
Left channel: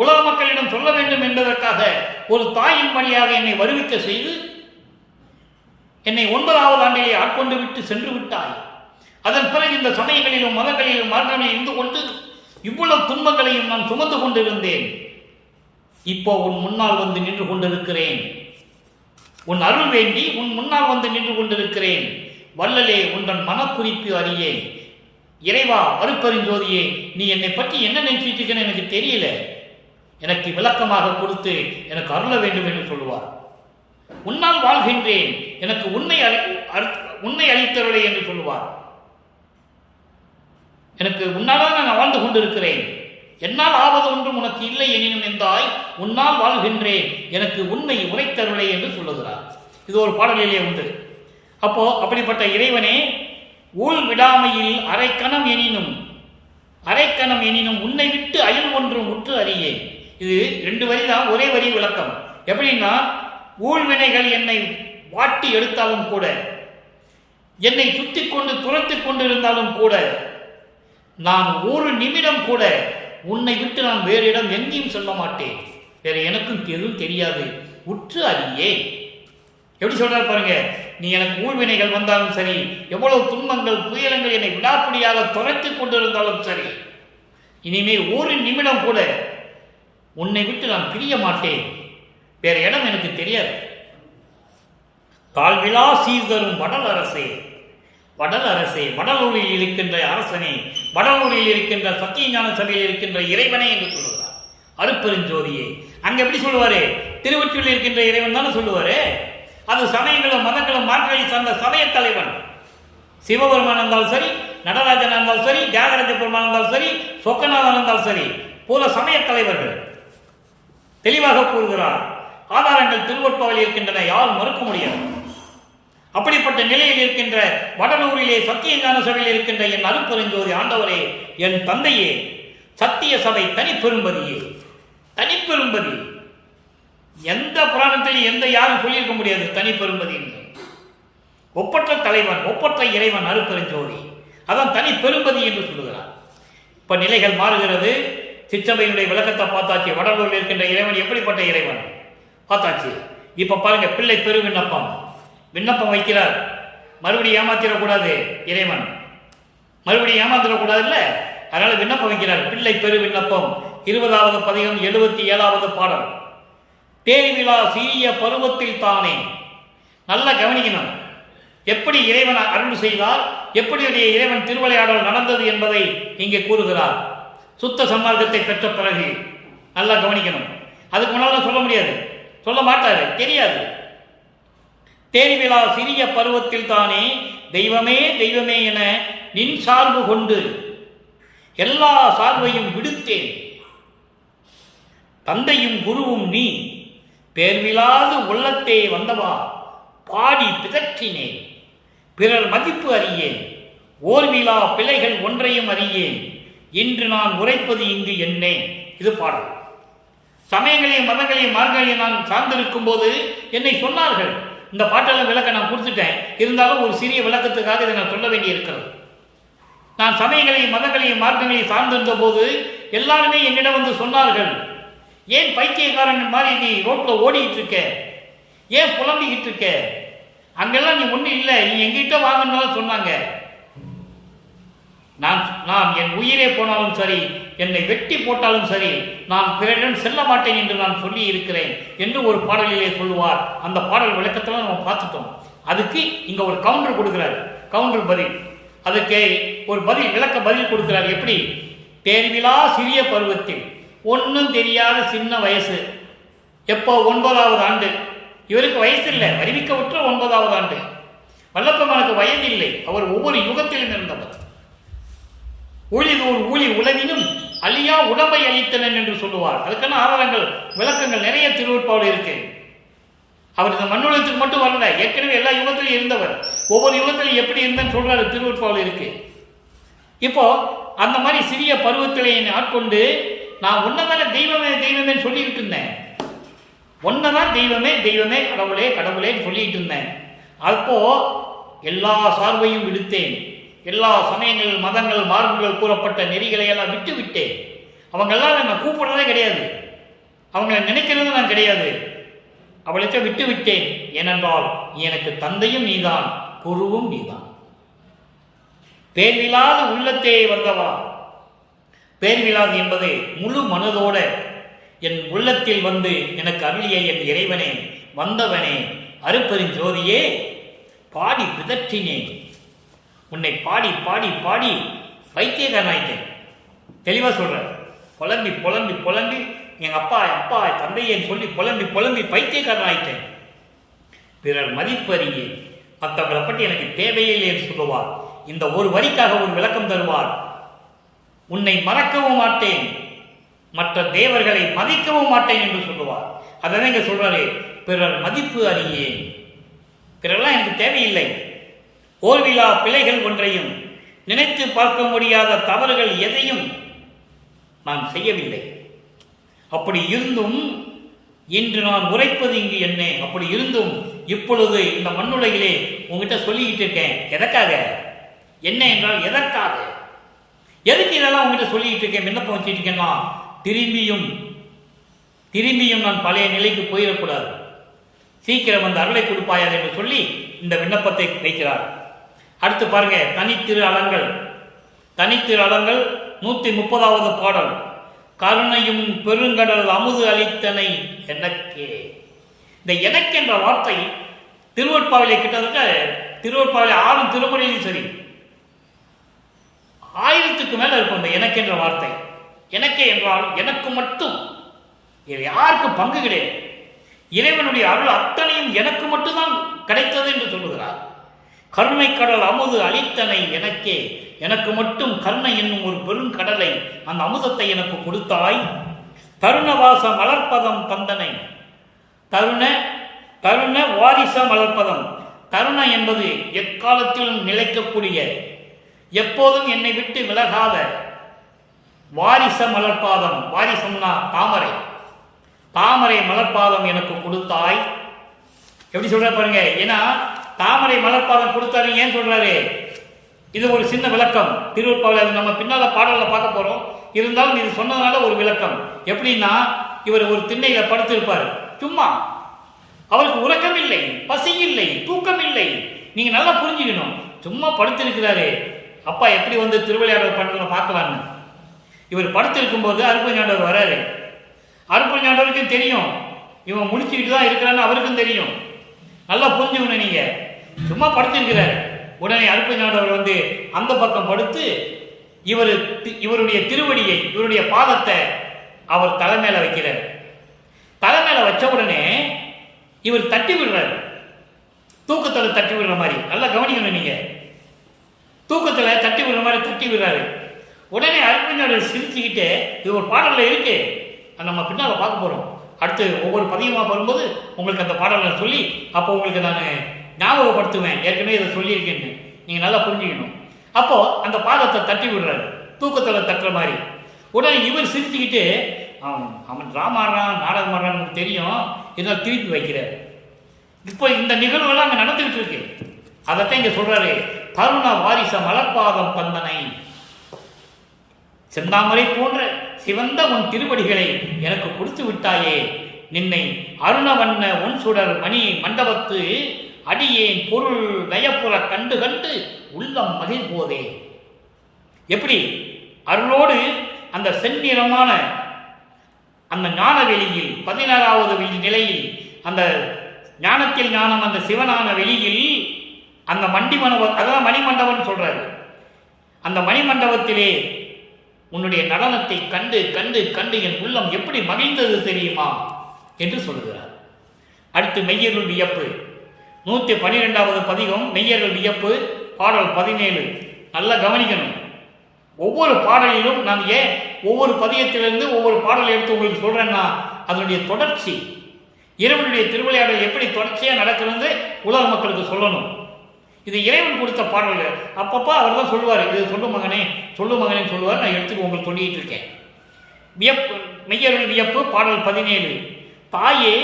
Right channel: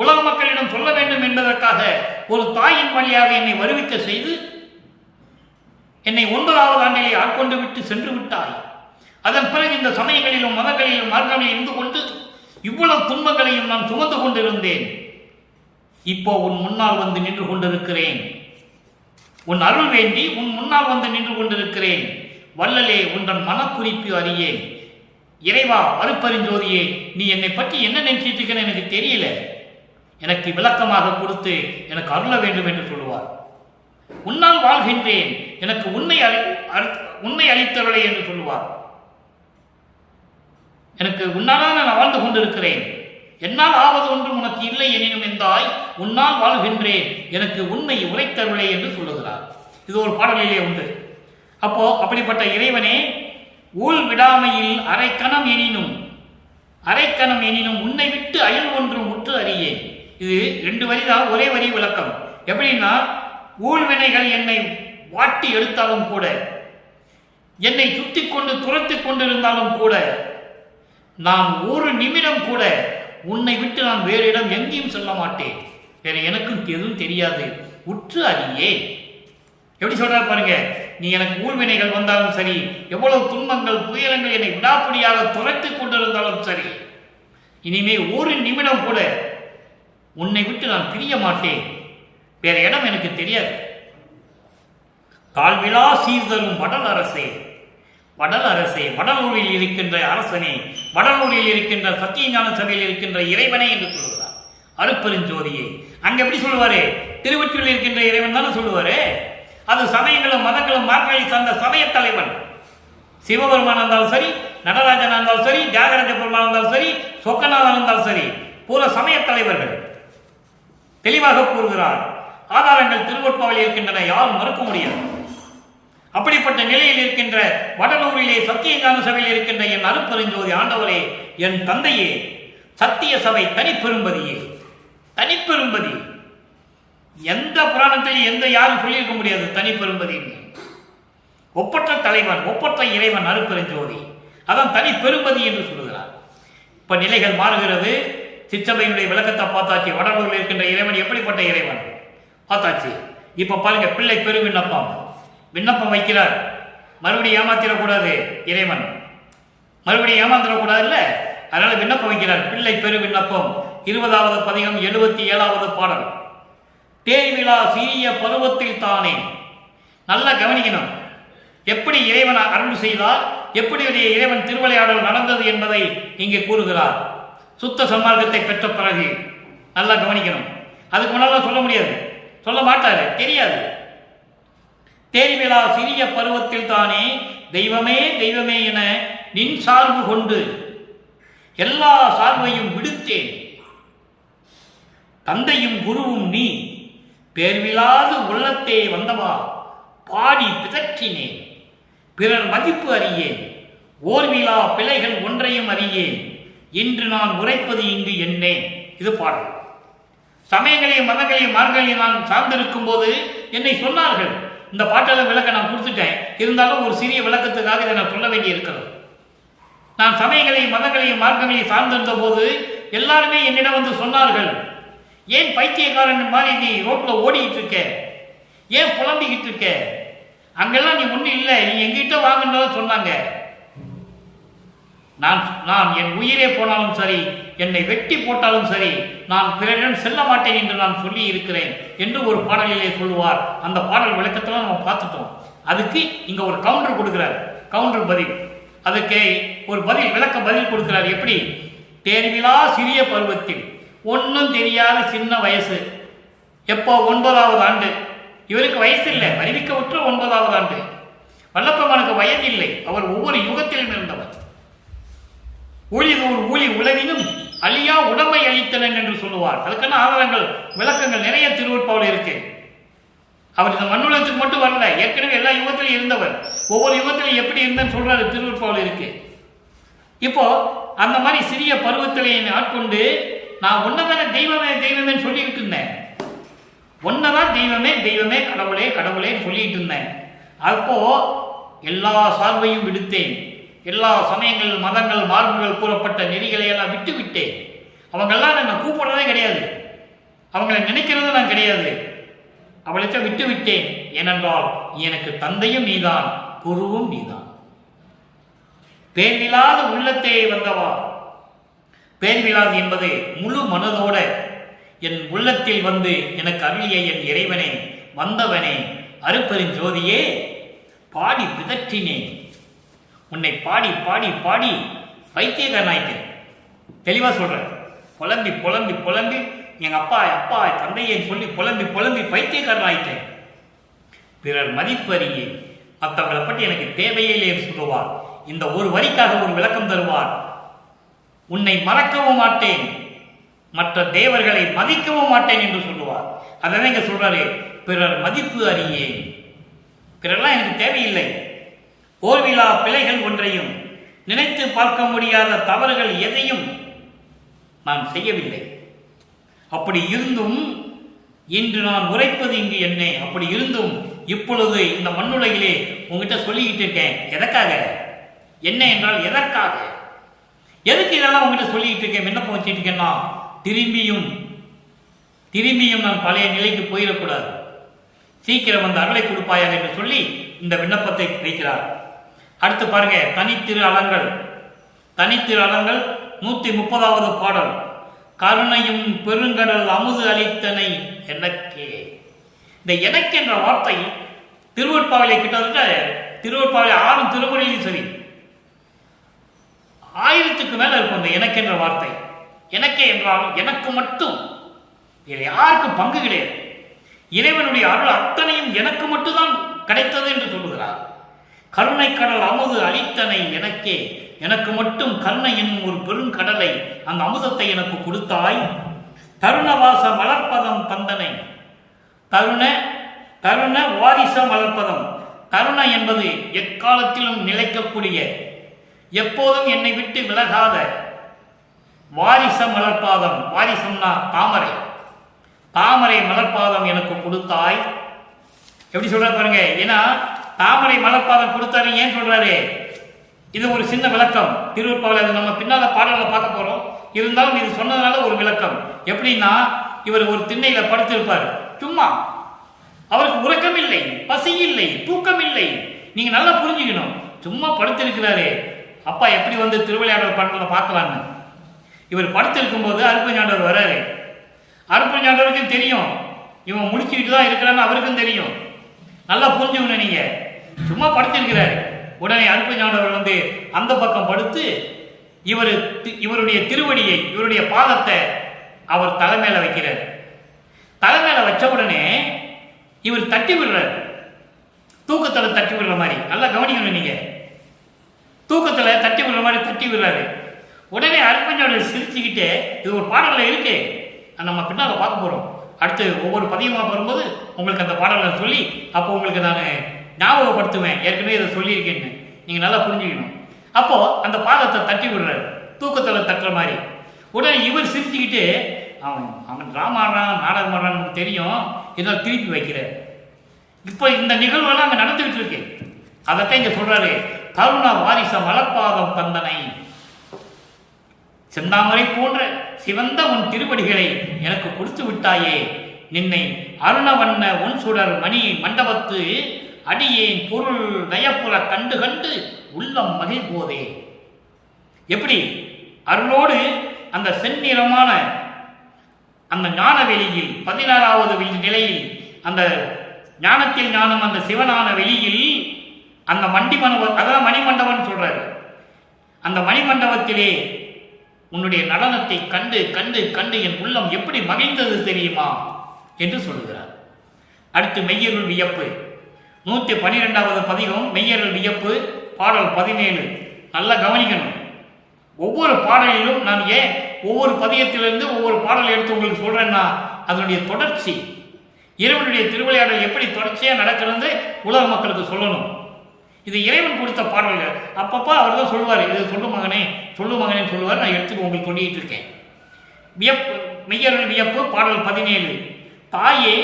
உலக மக்களிடம் சொல்ல வேண்டும் என்பதற்காக ஒரு தாயின் வழியாக என்னை வருவிக்க செய்து என்னை 9வது ஆண்டிலே ஆட்கொண்டு விட்டு சென்று விட்டாய். அதன் பிறகு இந்த சமயங்களிலும் மதங்களிலும் மார்க்கங்களில் இருந்து கொண்டு இவ்வளவு துன்பங்களையும் நான் சுமந்து கொண்டிருந்தேன். இப்போ உன் முன்னால் வந்து நின்று கொண்டிருக்கிறேன், உன் அருள் வேண்டி உன் முன்னால் வந்து நின்று கொண்டிருக்கிறேன். வள்ளலே உன்றன் மனக்குறிப்பு அறியேன். இறைவா அருப்பெருஞ்சோதியே, நீ என்னை பற்றி என்ன நினைச்சிட்டு இருக்கன்னு எனக்கு தெரியல, எனக்கு விளக்கமாக கொடுத்து எனக்கு அருள வேண்டும் என்று சொல்லுவார். உன்னால் வாழ்கின்றேன், எனக்கு உண்மை அளித்தருளை என்று சொல்லுவார். எனக்கு உன்னால்தான் நான் வாழ்ந்து கொண்டிருக்கிறேன், என்னால் ஆவது ஒன்றும் உனக்கு இல்லை எனினும் என்றாய், உன்னால் வாழ்கின்றேன், எனக்கு உண்மை உரைத்தருளே என்று சொல்லுகிறார். இது ஒரு பாடலிலே உண்டு. அப்போ அப்படிப்பட்ட இறைவனே, ஊழ் விடாமையில் அரைக்கணம் எனினும் உன்னை விட்டு அயல் ஒன்றும் உற்று அறியேன். இது 2 வரி தான், ஒரே வரி விளக்கம். எப்படின்னா, ஊழ்வினைகள் என்னை வாட்டி எடுத்தாலும் கூட, என்னை சுத்தி கொண்டு துரத்தி கொண்டிருந்தாலும் கூட, நான் ஒரு நிமிடம் கூட உன்னை விட்டு நான் வேறு இடம் எங்கேயும் சொல்ல மாட்டேன், வேற எனக்கும் எதுவும் தெரியாது, உற்று அறியே. எப்படி சொல்றாரு பாருங்க, நீ எனக்கு ஊழ்வினைகள் வந்தாலும் சரி, எவ்வளவு துன்பங்கள் துயரங்கள் என்னை விடாப்பிடியாக துரத்தி கொண்டிருந்தாலும் சரி, இனிமே ஒரு நிமிடம் கூட உன்னை விட்டு நான் பிரிய மாட்டேன், வேற இடம் எனக்கு தெரியாது. தாழ்விழா சீர்தரும் வடல் அரசே, வடலூரில் இருக்கின்ற அரசனே, வடலூரில் இருக்கின்ற சத்தியஞான சபையில் இருக்கின்ற இறைவனே என்று சொல்லுகிறார். அருப்பெருஞ்சோதியே. அங்க எப்படி சொல்லுவாரு? திருவொற்றியில் இருக்கின்ற இறைவன் தானே சொல்லுவாரு. அது சமயங்களும் மதங்களும் மார்க்கங்களை சார்ந்த சமய தலைவன். சிவபெருமான் இருந்தாலும் சரி, நடராஜன் இருந்தாலும் சரி, தியாகராஜ பெருமான் இருந்தாலும் சரி, சொக்கநாதன் இருந்தாலும் சரி, பூர சமய தலைவர்கள் தெளிவாக கூறுகிறார். ஆதாரங்கள் திருவொற்பாவில் இருக்கின்றன, யாரும் மறுக்க முடியாது. அப்படிப்பட்ட நிலையில் இருக்கின்ற வடலூரிலே சத்தியஞான சபையில் இருக்கின்ற என் அருட்பெருஞ்சோதி ஆண்டவரே, என் தந்தையே, சத்திய சபை தனிப்பெரும்பதியே, தனிப்பெரும்பதி. எந்த புராணத்திலும் எந்த யாரும் சொல்லியிருக்க முடியாது தனிப்பெரும்பதி. ஒப்பற்ற தலைவன், ஒப்பற்ற இறைவன் அருட்பெருஞ்சோதி, அதான் தனிப்பெரும்பதி என்று சொல்லுகிறார். இப்ப நிலைகள் மாறுகிறது. சிற்றபையினுடைய விளக்கத்தை பார்த்தாச்சு. வடலூரில் இருக்கின்ற இறைவன் எப்படிப்பட்ட இறைவன் பார்த்தாச்சு. இப்ப பாருங்க, பிள்ளை பெரு விண்ணப்பம் வைக்கிறார். மறுபடியும் ஏமாத்திடக்கூடாது, இறைவன் மறுபடியும் ஏமாத்திடக்கூடாது இல்ல, அதனால விண்ணப்பம் வைக்கிறார். பிள்ளை பெரு விண்ணப்பம் 20வது பதிகம் 77வது பாடல். தேர்விழா சிறிய பருவத்தில் தானே. நல்லா கவனிக்கணும், எப்படி இறைவன் அருள் செய்தால், எப்படி இறைவன் திருவிளையாடல் நடந்தது என்பதை இங்கே கூறுகிறார். சுத்த சன்மார்க்கத்தை பெற்ற பிறகு நல்லா கவனிக்கணும். அதுக்கு முன்னால சொல்ல முடியாது, சொல்ல மாட்டாரு, தெரியாது. தேர்விழா சிறிய பருவத்தில் தானே தெய்வமே தெய்வமே என நின் சார்பு கொண்டு எல்லா சார்பையும் விடுத்தேன். தந்தையும் குருவும் நீ பேர்விழாது உள்ளத்தே வந்தவா பாடி பிதற்றினேன். பிறர் மதிப்பு அறியேன், ஓர்விழா பிழைகள் ஒன்றையும் அறியேன். இன்று நான் உரைப்பது இங்கு என்னே. இது பாடல். சமயங்களையும் மதங்களையும் மார்க்கங்களையும் நான் சார்ந்திருக்கும் போது என்னை சொன்னார்கள். இந்த பாட்டாளர் விளக்க நான் கொடுத்துட்டேன், இருந்தாலும் ஒரு சிறிய விளக்கத்துக்காக இதை நான் சொல்ல வேண்டி இருக்கிறது. நான் சமயங்களையும் மதங்களையும் மார்க்கங்களையும் சார்ந்திருந்த போது எல்லாருமே என்னிடம் வந்து சொன்னார்கள், ஏன் பைத்தியக்காரன் மாதிரி நீ ரோட்ல ஓடிக்கிட்டு இருக்க, ஏன் புலம்பிக்கிட்டு இருக்க, அங்கெல்லாம் நீ ஒன்றும் இல்லை, நீ எங்கிட்ட வாங்கன்னு சொன்னாங்க. நான் என் உயிரே போனாலும் சரி, என்னை வெட்டி போட்டாலும் சரி, நான் பிறரிடம் செல்ல மாட்டேன் என்று நான் சொல்லி இருக்கிறேன் என்று ஒரு பாடலிலே சொல்லுவார். அந்த பாடல் விளக்கத்தில் நம்ம பார்த்துட்டோம். அதுக்கு இங்க ஒரு கவுண்டர் கொடுக்கிறார், கவுண்டர் பதில். அதுக்கு ஒரு விளக்க பதில் கொடுக்கிறார். எப்படி? தேர்விழா சிறிய பருவத்தில், ஒன்றும் தெரியாத சின்ன வயசு. எப்போ? 9வது ஆண்டு. இவருக்கு வயசு இல்லை, வருவிக்க உற்ற 9வது ஆண்டு. வல்லப்பெருமானுக்கு வயது இல்லை, அவர் ஒவ்வொரு யுகத்திலும் இருந்தவர். ஊழிதோர் ஊழி உலகினும் அழியா உடம்பை அளித்தனன் என்று சொல்லுவார். அதுக்கான ஆதாரங்கள் விளக்கங்கள் நிறைய திருவொற்பாவில் இருக்கு. அவர் இந்த மண்ணுலகத்துக்கு மட்டும் வரல, ஏற்கனவே எல்லா யுகத்திலும் இருந்தவர். ஒவ்வொரு யுகத்திலும் எப்படி இருந்தேன்னு சொல்றாரு, திருவொற்பாவில் இருக்கு. இப்போ அந்த மாதிரி சிறிய பருவத்திலே ஆட்கொண்டு நான் ஒன்னதான தெய்வமே தெய்வமே சொல்லிட்டு இருந்தேன். ஒன்னதான் தெய்வமே தெய்வமே, கடவுளே கடவுளேன்னு சொல்லிட்டு இருந்தேன். அப்போ எல்லா சார்பையும் விடுத்தேன். எல்லா சமயங்கள் மதங்கள் மார்புகள் கூறப்பட்ட நெறிகளை எல்லாம் விட்டு விட்டேன். அவங்கெல்லாம் நான் கூப்பிடுறதே கிடையாது, அவங்களை நினைக்கிறது நான் கிடையாது. அவளுக்கு விட்டு விட்டேன். ஏனென்றால் எனக்கு தந்தையும் நீதான், குருவும் நீதான். பேர்விழாத உள்ளத்தே வந்தவா. பேர்விழாது என்பது முழு மனதோட என் உள்ளத்தில் வந்து எனக்கு அருளிய என் இறைவனே, வந்தவனே, அருட்பெருஞ்சோதியே, பாடி பிதற்றினேன். உன்னை பாடி பாடி பாடி பைத்தியக்காரனாயிட்டேன். தெளிவா சொல்றேன். புலம்பி புலம்பி புலம்பி எங்க அப்பா அப்பா தந்தையேன்னு சொல்லி புலம்பி புலம்பி பைத்தியக்காரனாயிட்டேன். பிறர் மதிப்பறியே, மற்றவங்களை பற்றி எனக்கு தேவையே என்று சொல்லுவார். இந்த ஒரு வரிக்காக ஒரு விளக்கம் தருவார். உன்னை மறக்கவும் மாட்டேன், மற்ற தேவர்களை மதிக்கவும் மாட்டேன் என்று சொல்லுவார். அதான் இங்க சொல்றாரு, பிறர் மதிப்பு அறியேன். பிறர்லாம் எனக்கு தேவையில்லை. ஓர்விழா பிழைகள் ஒன்றையும், நினைத்து பார்க்க முடியாத தவறுகள் எதையும் நான் செய்யவில்லை. அப்படி இருந்தும் இன்று நான் உரைப்பது இங்கு என்ன. அப்படி இருந்தும் இப்பொழுது இந்த மண்ணுலகிலே உங்ககிட்ட சொல்லிக்கிட்டு இருக்கேன். எதற்காக? என்ன என்றால் எதற்காக, எதுக்கு இதெல்லாம் உங்ககிட்ட சொல்லிக்கிட்டு இருக்கேன், விண்ணப்பம் வச்சுட்டு இருக்கேன்னா, திரும்பியும் நான் பழைய நிலைக்கு போயிடக்கூடாது. சீக்கிரம் வந்து அருளை கொடுப்பாயா என்று சொல்லி இந்த விண்ணப்பத்தை வைக்கிறார். அடுத்து பாருங்க, தனித்திரு அலங்கள். 130வது பாடல். கருணையும் பெருங்கடல் அமுது அளித்தனை எனக்கே. இந்த எனக்கு என்ற வார்த்தை திருவொற்பாவிலே கிட்டத்தட்ட திருவொற்பாவிலே 6 திருமுறையிலும் சரி 1000க்கு மேல இருக்கும் இந்த எனக்கு என்ற வார்த்தை. எனக்கே என்றால் எனக்கு மட்டும், இதில் யாருக்கும் பங்கு கிடையாது. இறைவனுடைய அருள் அத்தனையும் எனக்கு மட்டும்தான் கிடைத்தது என்று சொல்லுகிறார். கருணை கடல் அமுது அளித்தனை எனக்கே, எனக்கு மட்டும் கருணை என்னும் ஒரு பெருங்கடலை, அந்த அமுதத்தை எனக்கு கொடுத்தாய். தருணவாச மலர்ப்பதம் தந்தனை, தருண வாரிச மலர்ப்பதம். தருண என்பது எக்காலத்திலும் நிலைக்கக்கூடிய, எப்போதும் என்னை விட்டு விலகாத வாரிச மலர்பாதம். வாரிசம்னா தாமரை, தாமரை மலர்பாதம் எனக்கு கொடுத்தாய். எப்படி சொல்ற பாருங்க. ஏன்னா தாமரை மலர்பாதம் கொடுத்தாரு ஏன் சொல்றாரு? இது ஒரு சின்ன விளக்கம் திருவருட்பாவில், அது நம்ம பின்னால பாடல்ல பார்க்க போறோம். இருந்தாலும் இது சொன்னதுனால ஒரு விளக்கம். எப்படின்னா, இவர் ஒரு திண்ணையில படுத்திருப்பார், சும்மா. அவருக்கு உறக்கம் இல்லை, பசி இல்லை, தூக்கம் இல்லை. நீங்க நல்லா புரிஞ்சுக்கணும். சும்மா படுத்திருக்கிறாரு. அப்பா எப்படி வந்து திருவிளையாடல் பண்றத பார்க்கலான்னு இவர் படுத்திருக்கும் போது அருப்பஞ்சாண்டவர் வராரு. அருப்பஞ்சாண்டவருக்கும் தெரியும் இவன் முடிச்சுக்கிட்டு தான் இருக்கிறான்னு, அவருக்கும் தெரியும். நல்லா புரிஞ்சுக்கணும். நீங்க சும்மா படுத்திருக்கிறாரு. உடனே அருப்பஞ்சாண்டவர் வந்து அந்த பக்கம் படுத்து இவருடைய திருவடியை, இவருடைய பாதத்தை அவர் தலைமையில வைக்கிறார். தலைமையில வச்ச உடனே இவர் தட்டி விடுறார், தூக்கத்துல தட்டி விடுற மாதிரி. நல்லா கவனிக்கணும். நீங்க தூக்கத்துல தட்டி விடுற மாதிரி தட்டி விடுறாரு. உடனே அருப்பஞ்சாண்டவர் சிரிச்சுக்கிட்டே, இது ஒரு பாடல்ல இருக்கு, நம்ம பின்னால பார்க்க போறோம். அடுத்து ஒவ்வொரு பதியமா வரும்போது உங்களுக்கு அந்த பாடலை சொல்லி அப்போ உங்களுக்கு நான் ஞாபகப்படுத்துவேன், ஏற்கனவே இதை சொல்லியிருக்கேன்னு. நீங்க நல்லா புரிஞ்சுக்கணும். அப்போ அந்த பாதத்தை தட்டி விடுறாரு, தூக்கத்துல தட்டுற மாதிரி. உடனே இவர் சிரிச்சுக்கிட்டு, அவன் டிராமா ஆடுறான், நாடகம் ஆடுறான்னு நமக்கு தெரியும், இதெல்லாம் திருப்பி வைக்கிறார். இப்போ இந்த நிகழ்வுகள்லாம் அங்கே நடந்துகிட்டு இருக்கு. அதைத்தான் இங்க சொல்றாரு, தருண வாரிச மலர்பாதம் தந்தனை. செந்தாமரை போன்ற சிவந்த உன் திருவடிகளை எனக்கு கொடுத்து விட்டாயே. நின்னை அருணவண்ண ஒன் சுடர் மணி மண்டபத்து அடியேன் பொருள் நயப்புற கண்டு கண்டு உள்ளம் மகிழ்போதே. எப்படி அருளோடு அந்த செந்நிறமான அந்த ஞான வெளியில், 16வது நிலையில், அந்த ஞானத்தில் ஞானம், அந்த சிவனான வெளியில், அந்த அதான் மணிமண்டபம் சொல்றாரு. அந்த மணிமண்டபத்திலே உன்னுடைய நடனத்தை கண்டு கண்டு கண்டு என் உள்ளம் எப்படி மகிழ்ந்தது தெரியுமா என்று சொல்லுகிறார். அடுத்து மெய்யருள் வியப்பு, 112வது பதிகம் மெய்யருள் வியப்பு, பாடல் 17. நல்லா கவனிக்கணும். ஒவ்வொரு பாடலிலும் நான் ஏன் ஒவ்வொரு பதியத்திலிருந்து ஒவ்வொரு பாடலை எடுத்து உங்களுக்கு சொல்றேன்னா, அதனுடைய தொடர்ச்சி, இறைவனுடைய திருவிளையாடல் எப்படி தொடர்ச்சியாக நடக்கிறது உலக மக்களுக்கு சொல்லணும். இது இறைவன் கொடுத்த பாடல்கள். அப்பப்போ அவர் தான் சொல்லுவார், இது சொல்லு மகனே சொல்லுவார். நான் எடுத்து உங்களுக்கு சொல்லிட்டு இருக்கேன். வியப்பு, மெய்யருள் வியப்பு, பாடல் 17. தாயே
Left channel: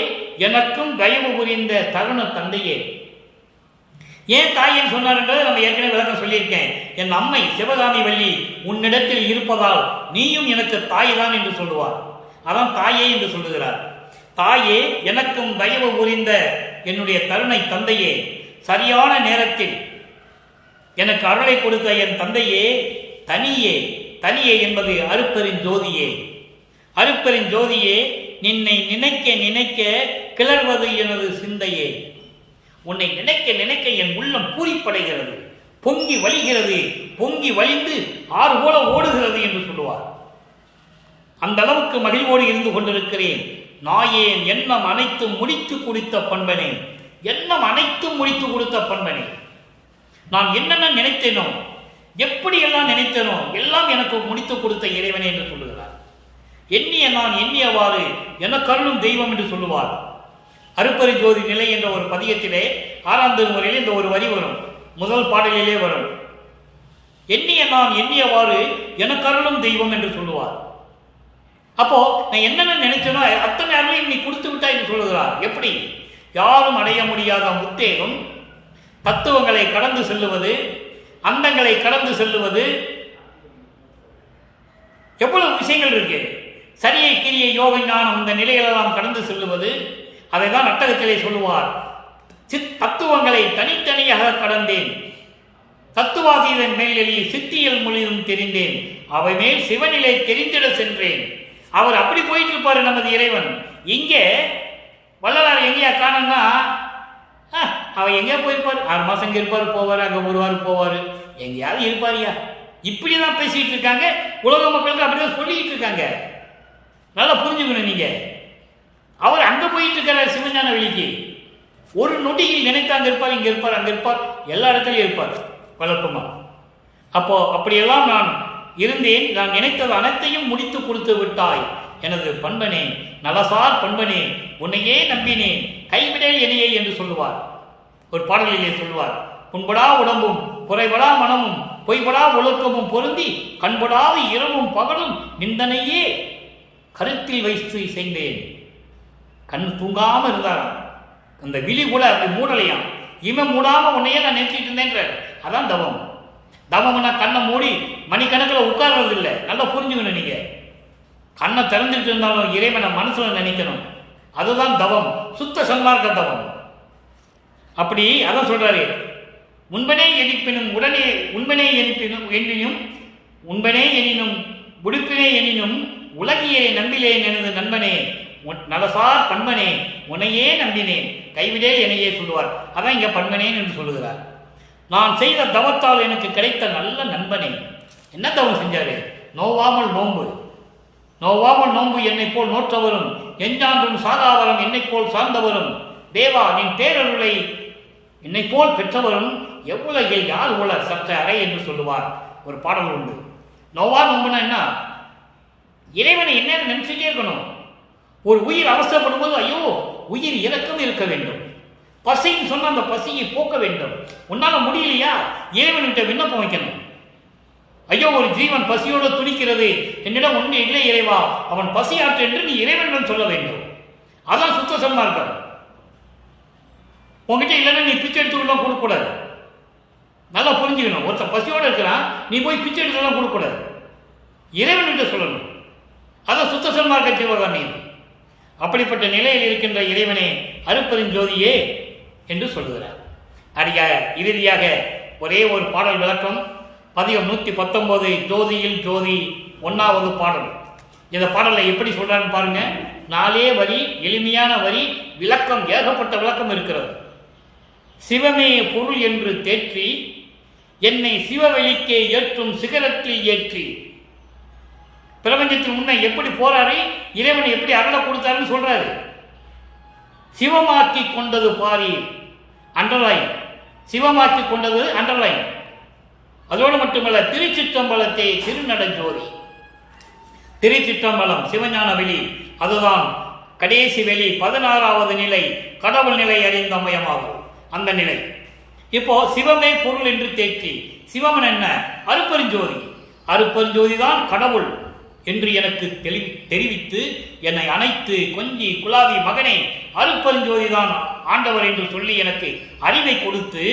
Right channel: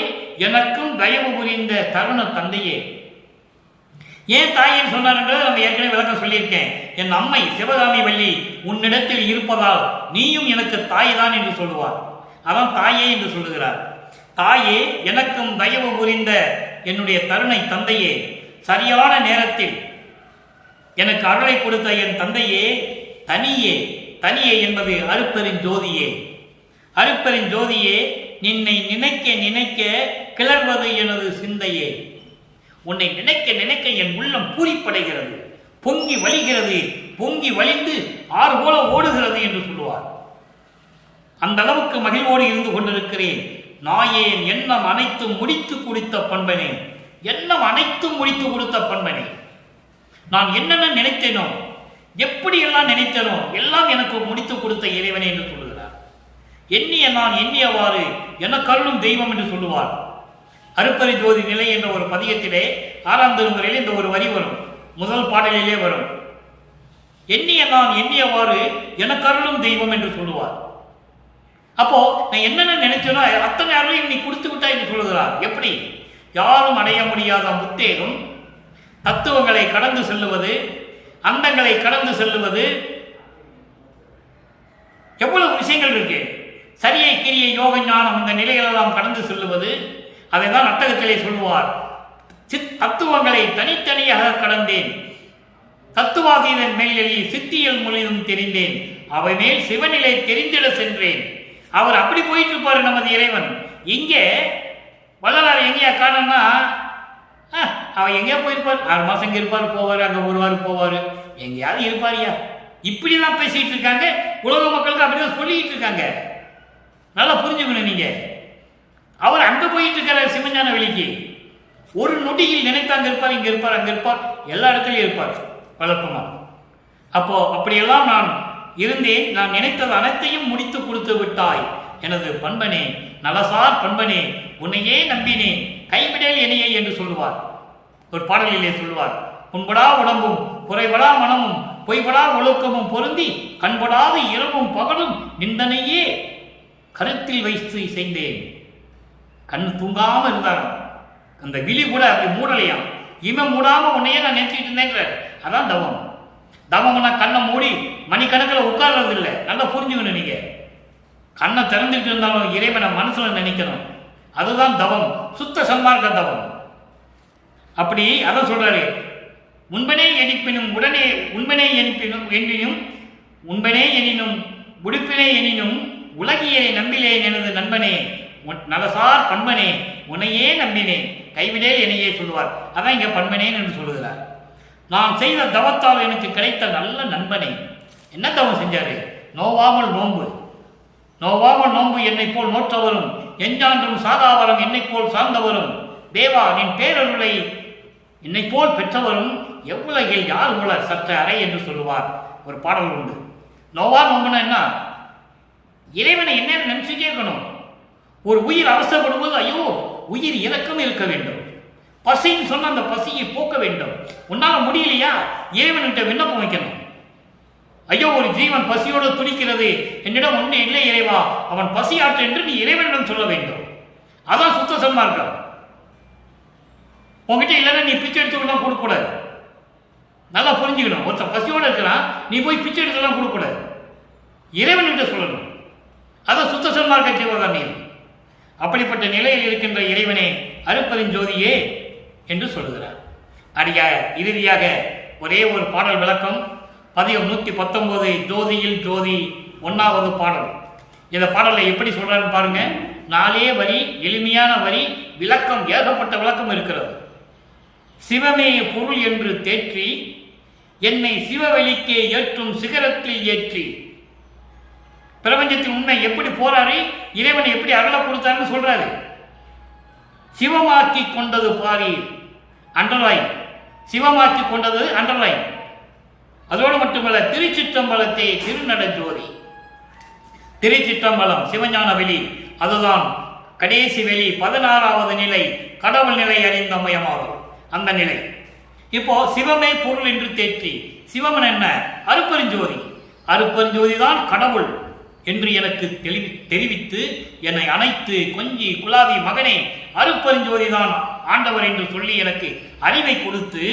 எனக்கும் தயவு புரிந்த தருண தந்தையே. ஏன் தாயேன்னு சொன்னார்ன்றதை நம்ம ஏற்கனவே விளக்கம் சொல்லியிருக்கேன். என் அம்மை சிவகாமி வள்ளி உன்னிடத்தில் இருப்பதால் நீயும் எனக்கு தாய் தான் என்று சொல்லுவார். அதான் தாயே என்று சொல்லுகிறார். தாயே எனக்கும் தயவு புரிந்த என்னுடைய கருணை தந்தையே, சரியான நேரத்தில் எனக்கு அருளை கொடுத்த என் தந்தையே, தனியே என்பது அருப்பெரும் ஜோதியே. அருப்பெரும் ஜோதியே, நின்னை நினைக்க நினைக்க கிளர்வது எனது சிந்தையே. உன்னை நினைக்க நினைக்க என் உள்ளம் பூரிப்படைகிறது, பொங்கி வழிகிறது, பொங்கி வழிந்து ஆறு போல ஓடுகிறது என்று சொல்லுவார். அந்த அளவுக்கு மகிழ்வோடு இருந்து கொண்டிருக்கிறேன். நாயேன் எண்ணம் அனைத்தும் முடித்து கொடுத்த பண்பனே, எண்ணம் அனைத்தும் முடித்து கொடுத்த பண்பனே. நான் என்னென்ன நினைத்தேனோ, எப்படி எல்லாம் நினைத்தேனோ எல்லாம் எனக்கு முடித்து கொடுத்த இறைவனே என்று சொல்லுகிறார். எண்ணிய நான் எண்ணியவாறு எனக்கருளும் தெய்வம் என்று சொல்லுவார். அருப்பெரு ஜோதி நிலை என்ற ஒரு பதியத்திலே 6ஆம் திருமுறையில் இந்த ஒரு வரி வரும், முதல் பாடலிலே வரும். எண்ணிய நான் எண்ணியவாறு எனக்கருளும் தெய்வம் என்று சொல்லுவார். அப்போ நான் என்னென்ன நினைச்சேனோ அத்தனை அருளையும் நீ கொடுத்து விட்டா என்று சொல்லுகிறார். எப்படி? யாரும் அடைய முடியாத முத்தேகம், தத்துவங்களை கடந்து செல்லுவது, அண்டங்களை கடந்து செல்லுவது, எவ்வளவு விஷயங்கள் இருக்கு. சரியை கிரியை யோக ஞானம் இந்த நிலையிலெல்லாம் கடந்து செல்லுவது. அதை தான் நாட்டகத்திலே சொல்லுவார். தத்துவங்களை தனித்தனியாக கடந்தேன், தத்துவாதீதன் மேல் எழுதி சித்தியல் மொழியும் தெரிந்தேன், அவை மேல் சிவநிலை தெரிந்திட சென்றேன். அவர் அப்படி போயிட்டு இருப்பாரு நமது இறைவன். இங்கே வள்ளலார் எங்கேயா காணோம்னா, அவர் எங்கேயா போயிருப்பார், 6 மாசம் இங்கே இருப்பார், போவார், அங்கே வருவார், போவார், எங்கேயாவது இருப்பாரியா. இப்படிதான் பேசிட்டு இருக்காங்க உலக மக்களுக்கு, அப்படிதான் சொல்லிட்டு இருக்காங்க. நல்லா புரிஞ்சுக்கணும் நீங்க. அவர் அங்க போயிட்டு இருக்கிறார் சிவஞான வெளிக்கு. ஒரு நொடியில் நினைத்து அங்க இருப்பார், இங்க இருப்பார், அங்க இருப்பார், எல்லா இடத்துலையும் இருப்பார் வழக்கமாக. அப்போ அப்படியெல்லாம் நான் இருந்தேன். நான் நினைத்தது அனைத்தையும் முடித்து கொடுத்து விட்டாய் எனது பண்பனே, நலசார் பண்பனே, உன்னையே நம்பினேன், கைவிடல் என்னையே என்று சொல்லுவார். ஒரு பாடலிலே சொல்வார், புண்படா உடம்பும் குறைபடா மனமும் பொய்படா ஒழுக்கமும் பொருந்தி கண்படாத இரவும் பகலும் நிந்தனையே கருத்தில் வைத்து செய்தேன். கண் தூங்காம இருந்தாராம், அந்த விழி கூட அப்படி மூடலையாம். இவன் மூடாம உன்னையே நான் நினைச்சிட்டு இருந்தேங்கிற. அதான் தவம். தவம்னா கண்ணை மூடி மணிக்கணக்கில் உட்கார்றது இல்லை. நல்லா புரிஞ்சுக்கணும். நீங்க கண்ணை திறந்துட்டு இருந்தாலும் இறைவனை மனசுல நினைக்கணும். அதுதான் தவம், சுத்த சன்மார்க்க தவம். அப்படி அதான் சொல்றாரு, உண்பனே எனிப்பினும் உடனே உண்பனே எனிப்பினும் எண்ணினும் உண்பனே எனினும் உடுப்பினே எனினும் உலகியை நம்பிலேன் எனது நண்பனே, நலசார் பண்பனே, உன்னையே நம்பினேன், கைவிடே என்னையே சொல்லுவார். அதான் இங்க பண்பனேன் என்று சொல்லுகிறார். நான் செய்த தவத்தால் எனக்கு கிடைத்த நல்ல நண்பனே. என்ன தவம் செஞ்சாரு? நோவாமல் நோன்பு. நோவாமல் நோன்பு என்னை போல் நோற்றவரும், எஞ்சான்றும் சாகாவரம் என்னை போல் சார்ந்தவரும், தேவா நின் பேரருளை என்னை போல் பெற்றவரும், எவ்வுலகில் யார் உள்ள சற்ற அறை என்று சொல்லுவார். ஒரு பாடல் உண்டு. நோவா நோம்புனா என்ன? இறைவனை என்ன நினைச்சுட்டே இருக்கணும். ஒரு உயிர் அவசரப்படும் போது ஐயோ உயிர் இறக்கம் இருக்க வேண்டும். பசின்னு சொன்ன அந்த பசியை போக்க வேண்டும். உன்னால முடியலையா, இறைவன்கிட்ட விண்ணப்பம் வைக்கணும். ஐயோ ஒரு ஜீவன் பசியோடு துடிக்கிறது, என்னிடம் ஒன்று இல்லை இறைவா, அவன் பசியாற்று என்று நீ இறைவனிடம் சொல்ல வேண்டும். அதான் சுத்த சன்மார்க்கம். உங்ககிட்ட இல்லைன்னா நீ பிச்சை எடுத்துக்கொள்ளலாம் கொடுக்கூடாது. நல்லா புரிஞ்சுக்கணும். ஒருத்தன் பசியோடு இருக்கிறான், நீ போய் பிச்சை எடுத்துலாம் கொடுக்கூடாது, இறைவன்கிட்ட சொல்லணும். அதான் சுத்த சன்மார்க்க ஜீவகாரணியம். அப்படிப்பட்ட நிலையில் இருக்கின்ற இறைவனே அருட்பெருஞ்சோதியே என்று சொல்கிறார். இறுதியாக ஒரே ஒரு பாடல் விளக்கம். பதிகம் 119 ஜோதியில் ஜோதி 1வது பாடல். இந்த பாடலை எப்படி சொல்றான்னு பாருங்க. 4 வரி, எளிமையான வரி, விளக்கம் ஏகப்பட்ட விளக்கம் இருக்கிறது. சிவமே பொருள் என்று தேற்றி என்னை சிவவெளிக்கே ஏற்றும் சிகரத்தில் ஏற்றி. பிரபஞ்சத்தில் முன்ன எப்படி போறாரு, இறைவனை எப்படி அருள கொடுத்தாருன்னு சொல்றாரு. சிவமாக்கி கொண்டது பாரீர், அண்டர்லைன். சிவமாக்கி கொண்டது அண்டர்லைன். அதோடு மட்டுமல்ல, திருச்சிற்றம்பலத்தை திருநடஜோதி. திருச்சிற்றம்பலம் சிவஞான வெளி, அதுதான் கடைசி வெளி, 16வது நிலை, கடவுள் நிலை அறிந்த மயமாகும் அந்த நிலை. இப்போ சிவமே பொருள் என்று தேற்றி. சிவமன் என்ன? அருட்பெருஞ்சோதி. அருட்பெருஞ்சோதி தான் கடவுள் என்று எனக்கு தெரிவித்து என்னை அணைத்து கொஞ்சி குலாவி மகனே அருட்பெருஞ்சோதி தான் ஆண்டவர் என்று சொல்லி எனக்கு அறிவை கொடுத்து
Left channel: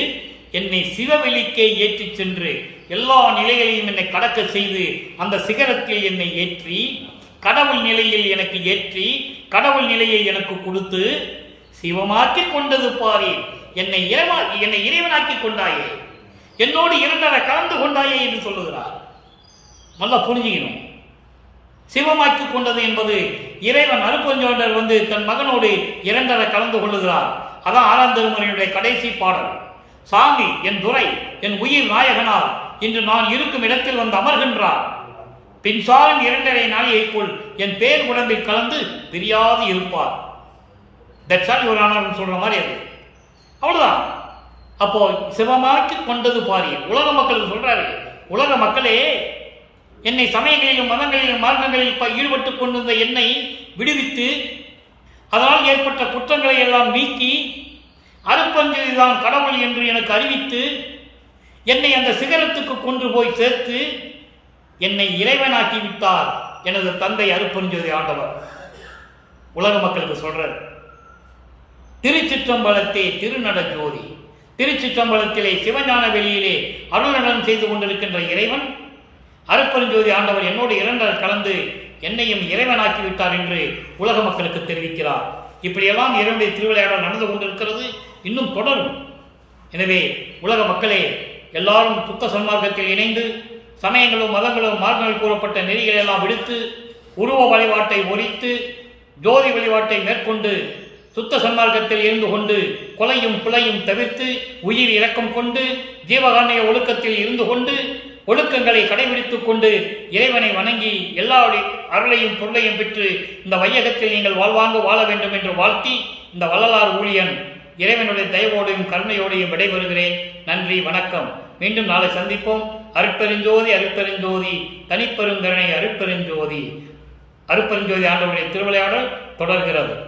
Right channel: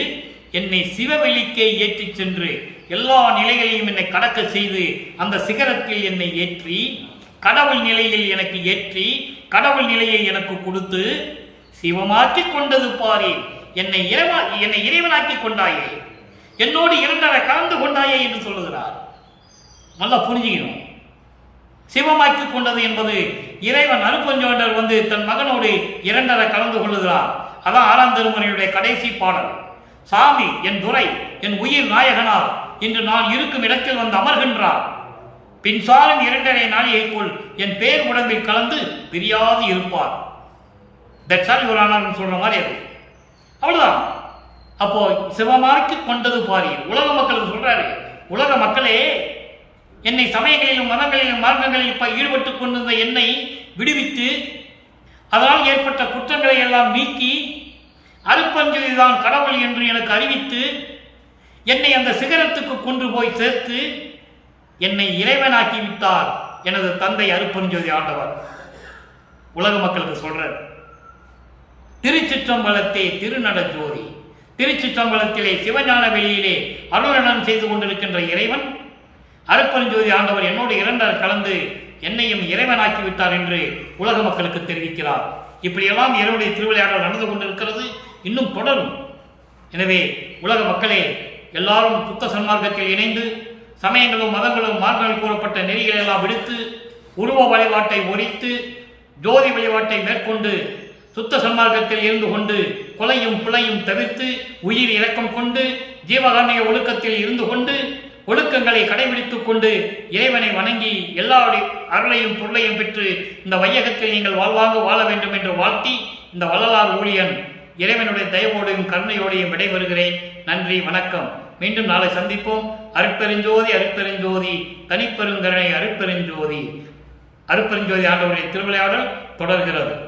என்னை சிவவெளிக்கே ஏற்றி சென்று எல்லா நிலைகளையும் என்னை கடக்க செய்து அந்த சிகரத்தில் என்னை ஏற்றி கடவுள் நிலையில் எனக்கு ஏற்றி கடவுள் நிலையை எனக்கு கொடுத்து சிவமாக்கி கொண்டது பாரேன். என்னை இறைவனாக்கி கொண்டாயே, என்னோடு 2 கலந்து கொண்டாயே என்று சொல்லுகிறார். நல்லா புரிஞ்சுக்கணும். சிவமாக்கி கொண்டது என்பது இறைவன் அருட்பெருஞ்சோதி தன் மகனோடு 2 கலந்து கொள்ளுகிறார். அதான் 6ஆம் திருமுறையுடைய கடைசி பாடல். சாமி என் துரை என் உயிர் நாயகனார் இன்று நான் இருக்கும் இடத்தில் வந்து அமர்கின்றார். பின்சாலும் 2.5 நாளிகைக்குள் என் பேர் உடம்பில் கலந்து பிரியாது இருப்பார். சொல்ற மாதிரி அது அவ்வளவுதான். அப்போ சிவமாக்கி கொண்டது பாரீர். உலக மக்களுக்கு சொல்றாரு, உலக மக்களே, என்னை சமயங்களிலும் மதங்களிலும் மார்க்கங்களில் ஈடுபட்டுக் கொண்டிருந்த என்னை விடுவித்து அதனால் ஏற்பட்ட குற்றங்களை எல்லாம் நீக்கி அருட்பெருஞ்சோதிதான் கடவுள் என்று எனக்கு அறிவித்து என்னை அந்த சிகரத்துக்கு கொண்டு போய் சேர்த்து என்னை இறைவனாக்கி விட்டார் எனது தந்தை அருட்பெருஞ்சோதி ஆண்டவர். உலக மக்களுக்கு சொல்றார். திருச்சிற்றம்பலத்தே திருநடஜோதி. திருச்சிற்றம்பலத்திலே சிவஞான வெளியிலே அருளடன் செய்து கொண்டிருக்கின்ற இறைவன் அருட்பெருஞ்சோதி ஆண்டவர் என்னோடு 2 கலந்து என்னையும் இறைவனாக்கி விட்டார் என்று உலக மக்களுக்கு தெரிவிக்கிறார். இப்படியெல்லாம் இறைவனுடைய திருவிளையாடல் நடந்து கொண்டிருக்கிறது, இன்னும் தொடரும். எனவே உலக மக்களே, எல்லாரும் சுத்த சன்மார்க்கத்தில் இணைந்து சமயங்களும் மதங்களும் மார்க்கங்கள் கூறப்பட்ட நெறிகளை எல்லாம் விடுத்து உருவ வழிபாட்டை ஒழித்து ஜோதி வழிபாட்டை மேற்கொண்டு சுத்த சன்மார்க்கத்தில் இருந்து கொண்டு கொலையும் புலையும் தவிர்த்து உயிர் இரக்கம் கொண்டு ஜீவகாரணிய ஒழுக்கத்தில் இருந்து கொண்டு ஒழுக்கங்களை கடைபிடித்துக் கொண்டு இறைவனை வணங்கி எல்லாருடைய அருளையும் பொருளையும் பெற்று இந்த வையகத்தில் நீங்கள் வாழ்வாங்க வாழ வேண்டும் என்று வாழ்த்தி இந்த வள்ளலார் ஊழியன் இறைவனுடைய தயவோடையும் கருணையோடையும் விடைபெறுகிறேன். நன்றி, வணக்கம். மீண்டும் நாளை சந்திப்போம். அருட்பெருஞ்சோதி அருட்பெருஞ்சோதி தனிப்பெருங்கருணை அருட்பெருஞ்சோதி. அருட்பெருஞ்சோதி ஆண்டவருடைய திருவிளையாடல் தொடர்கிறது.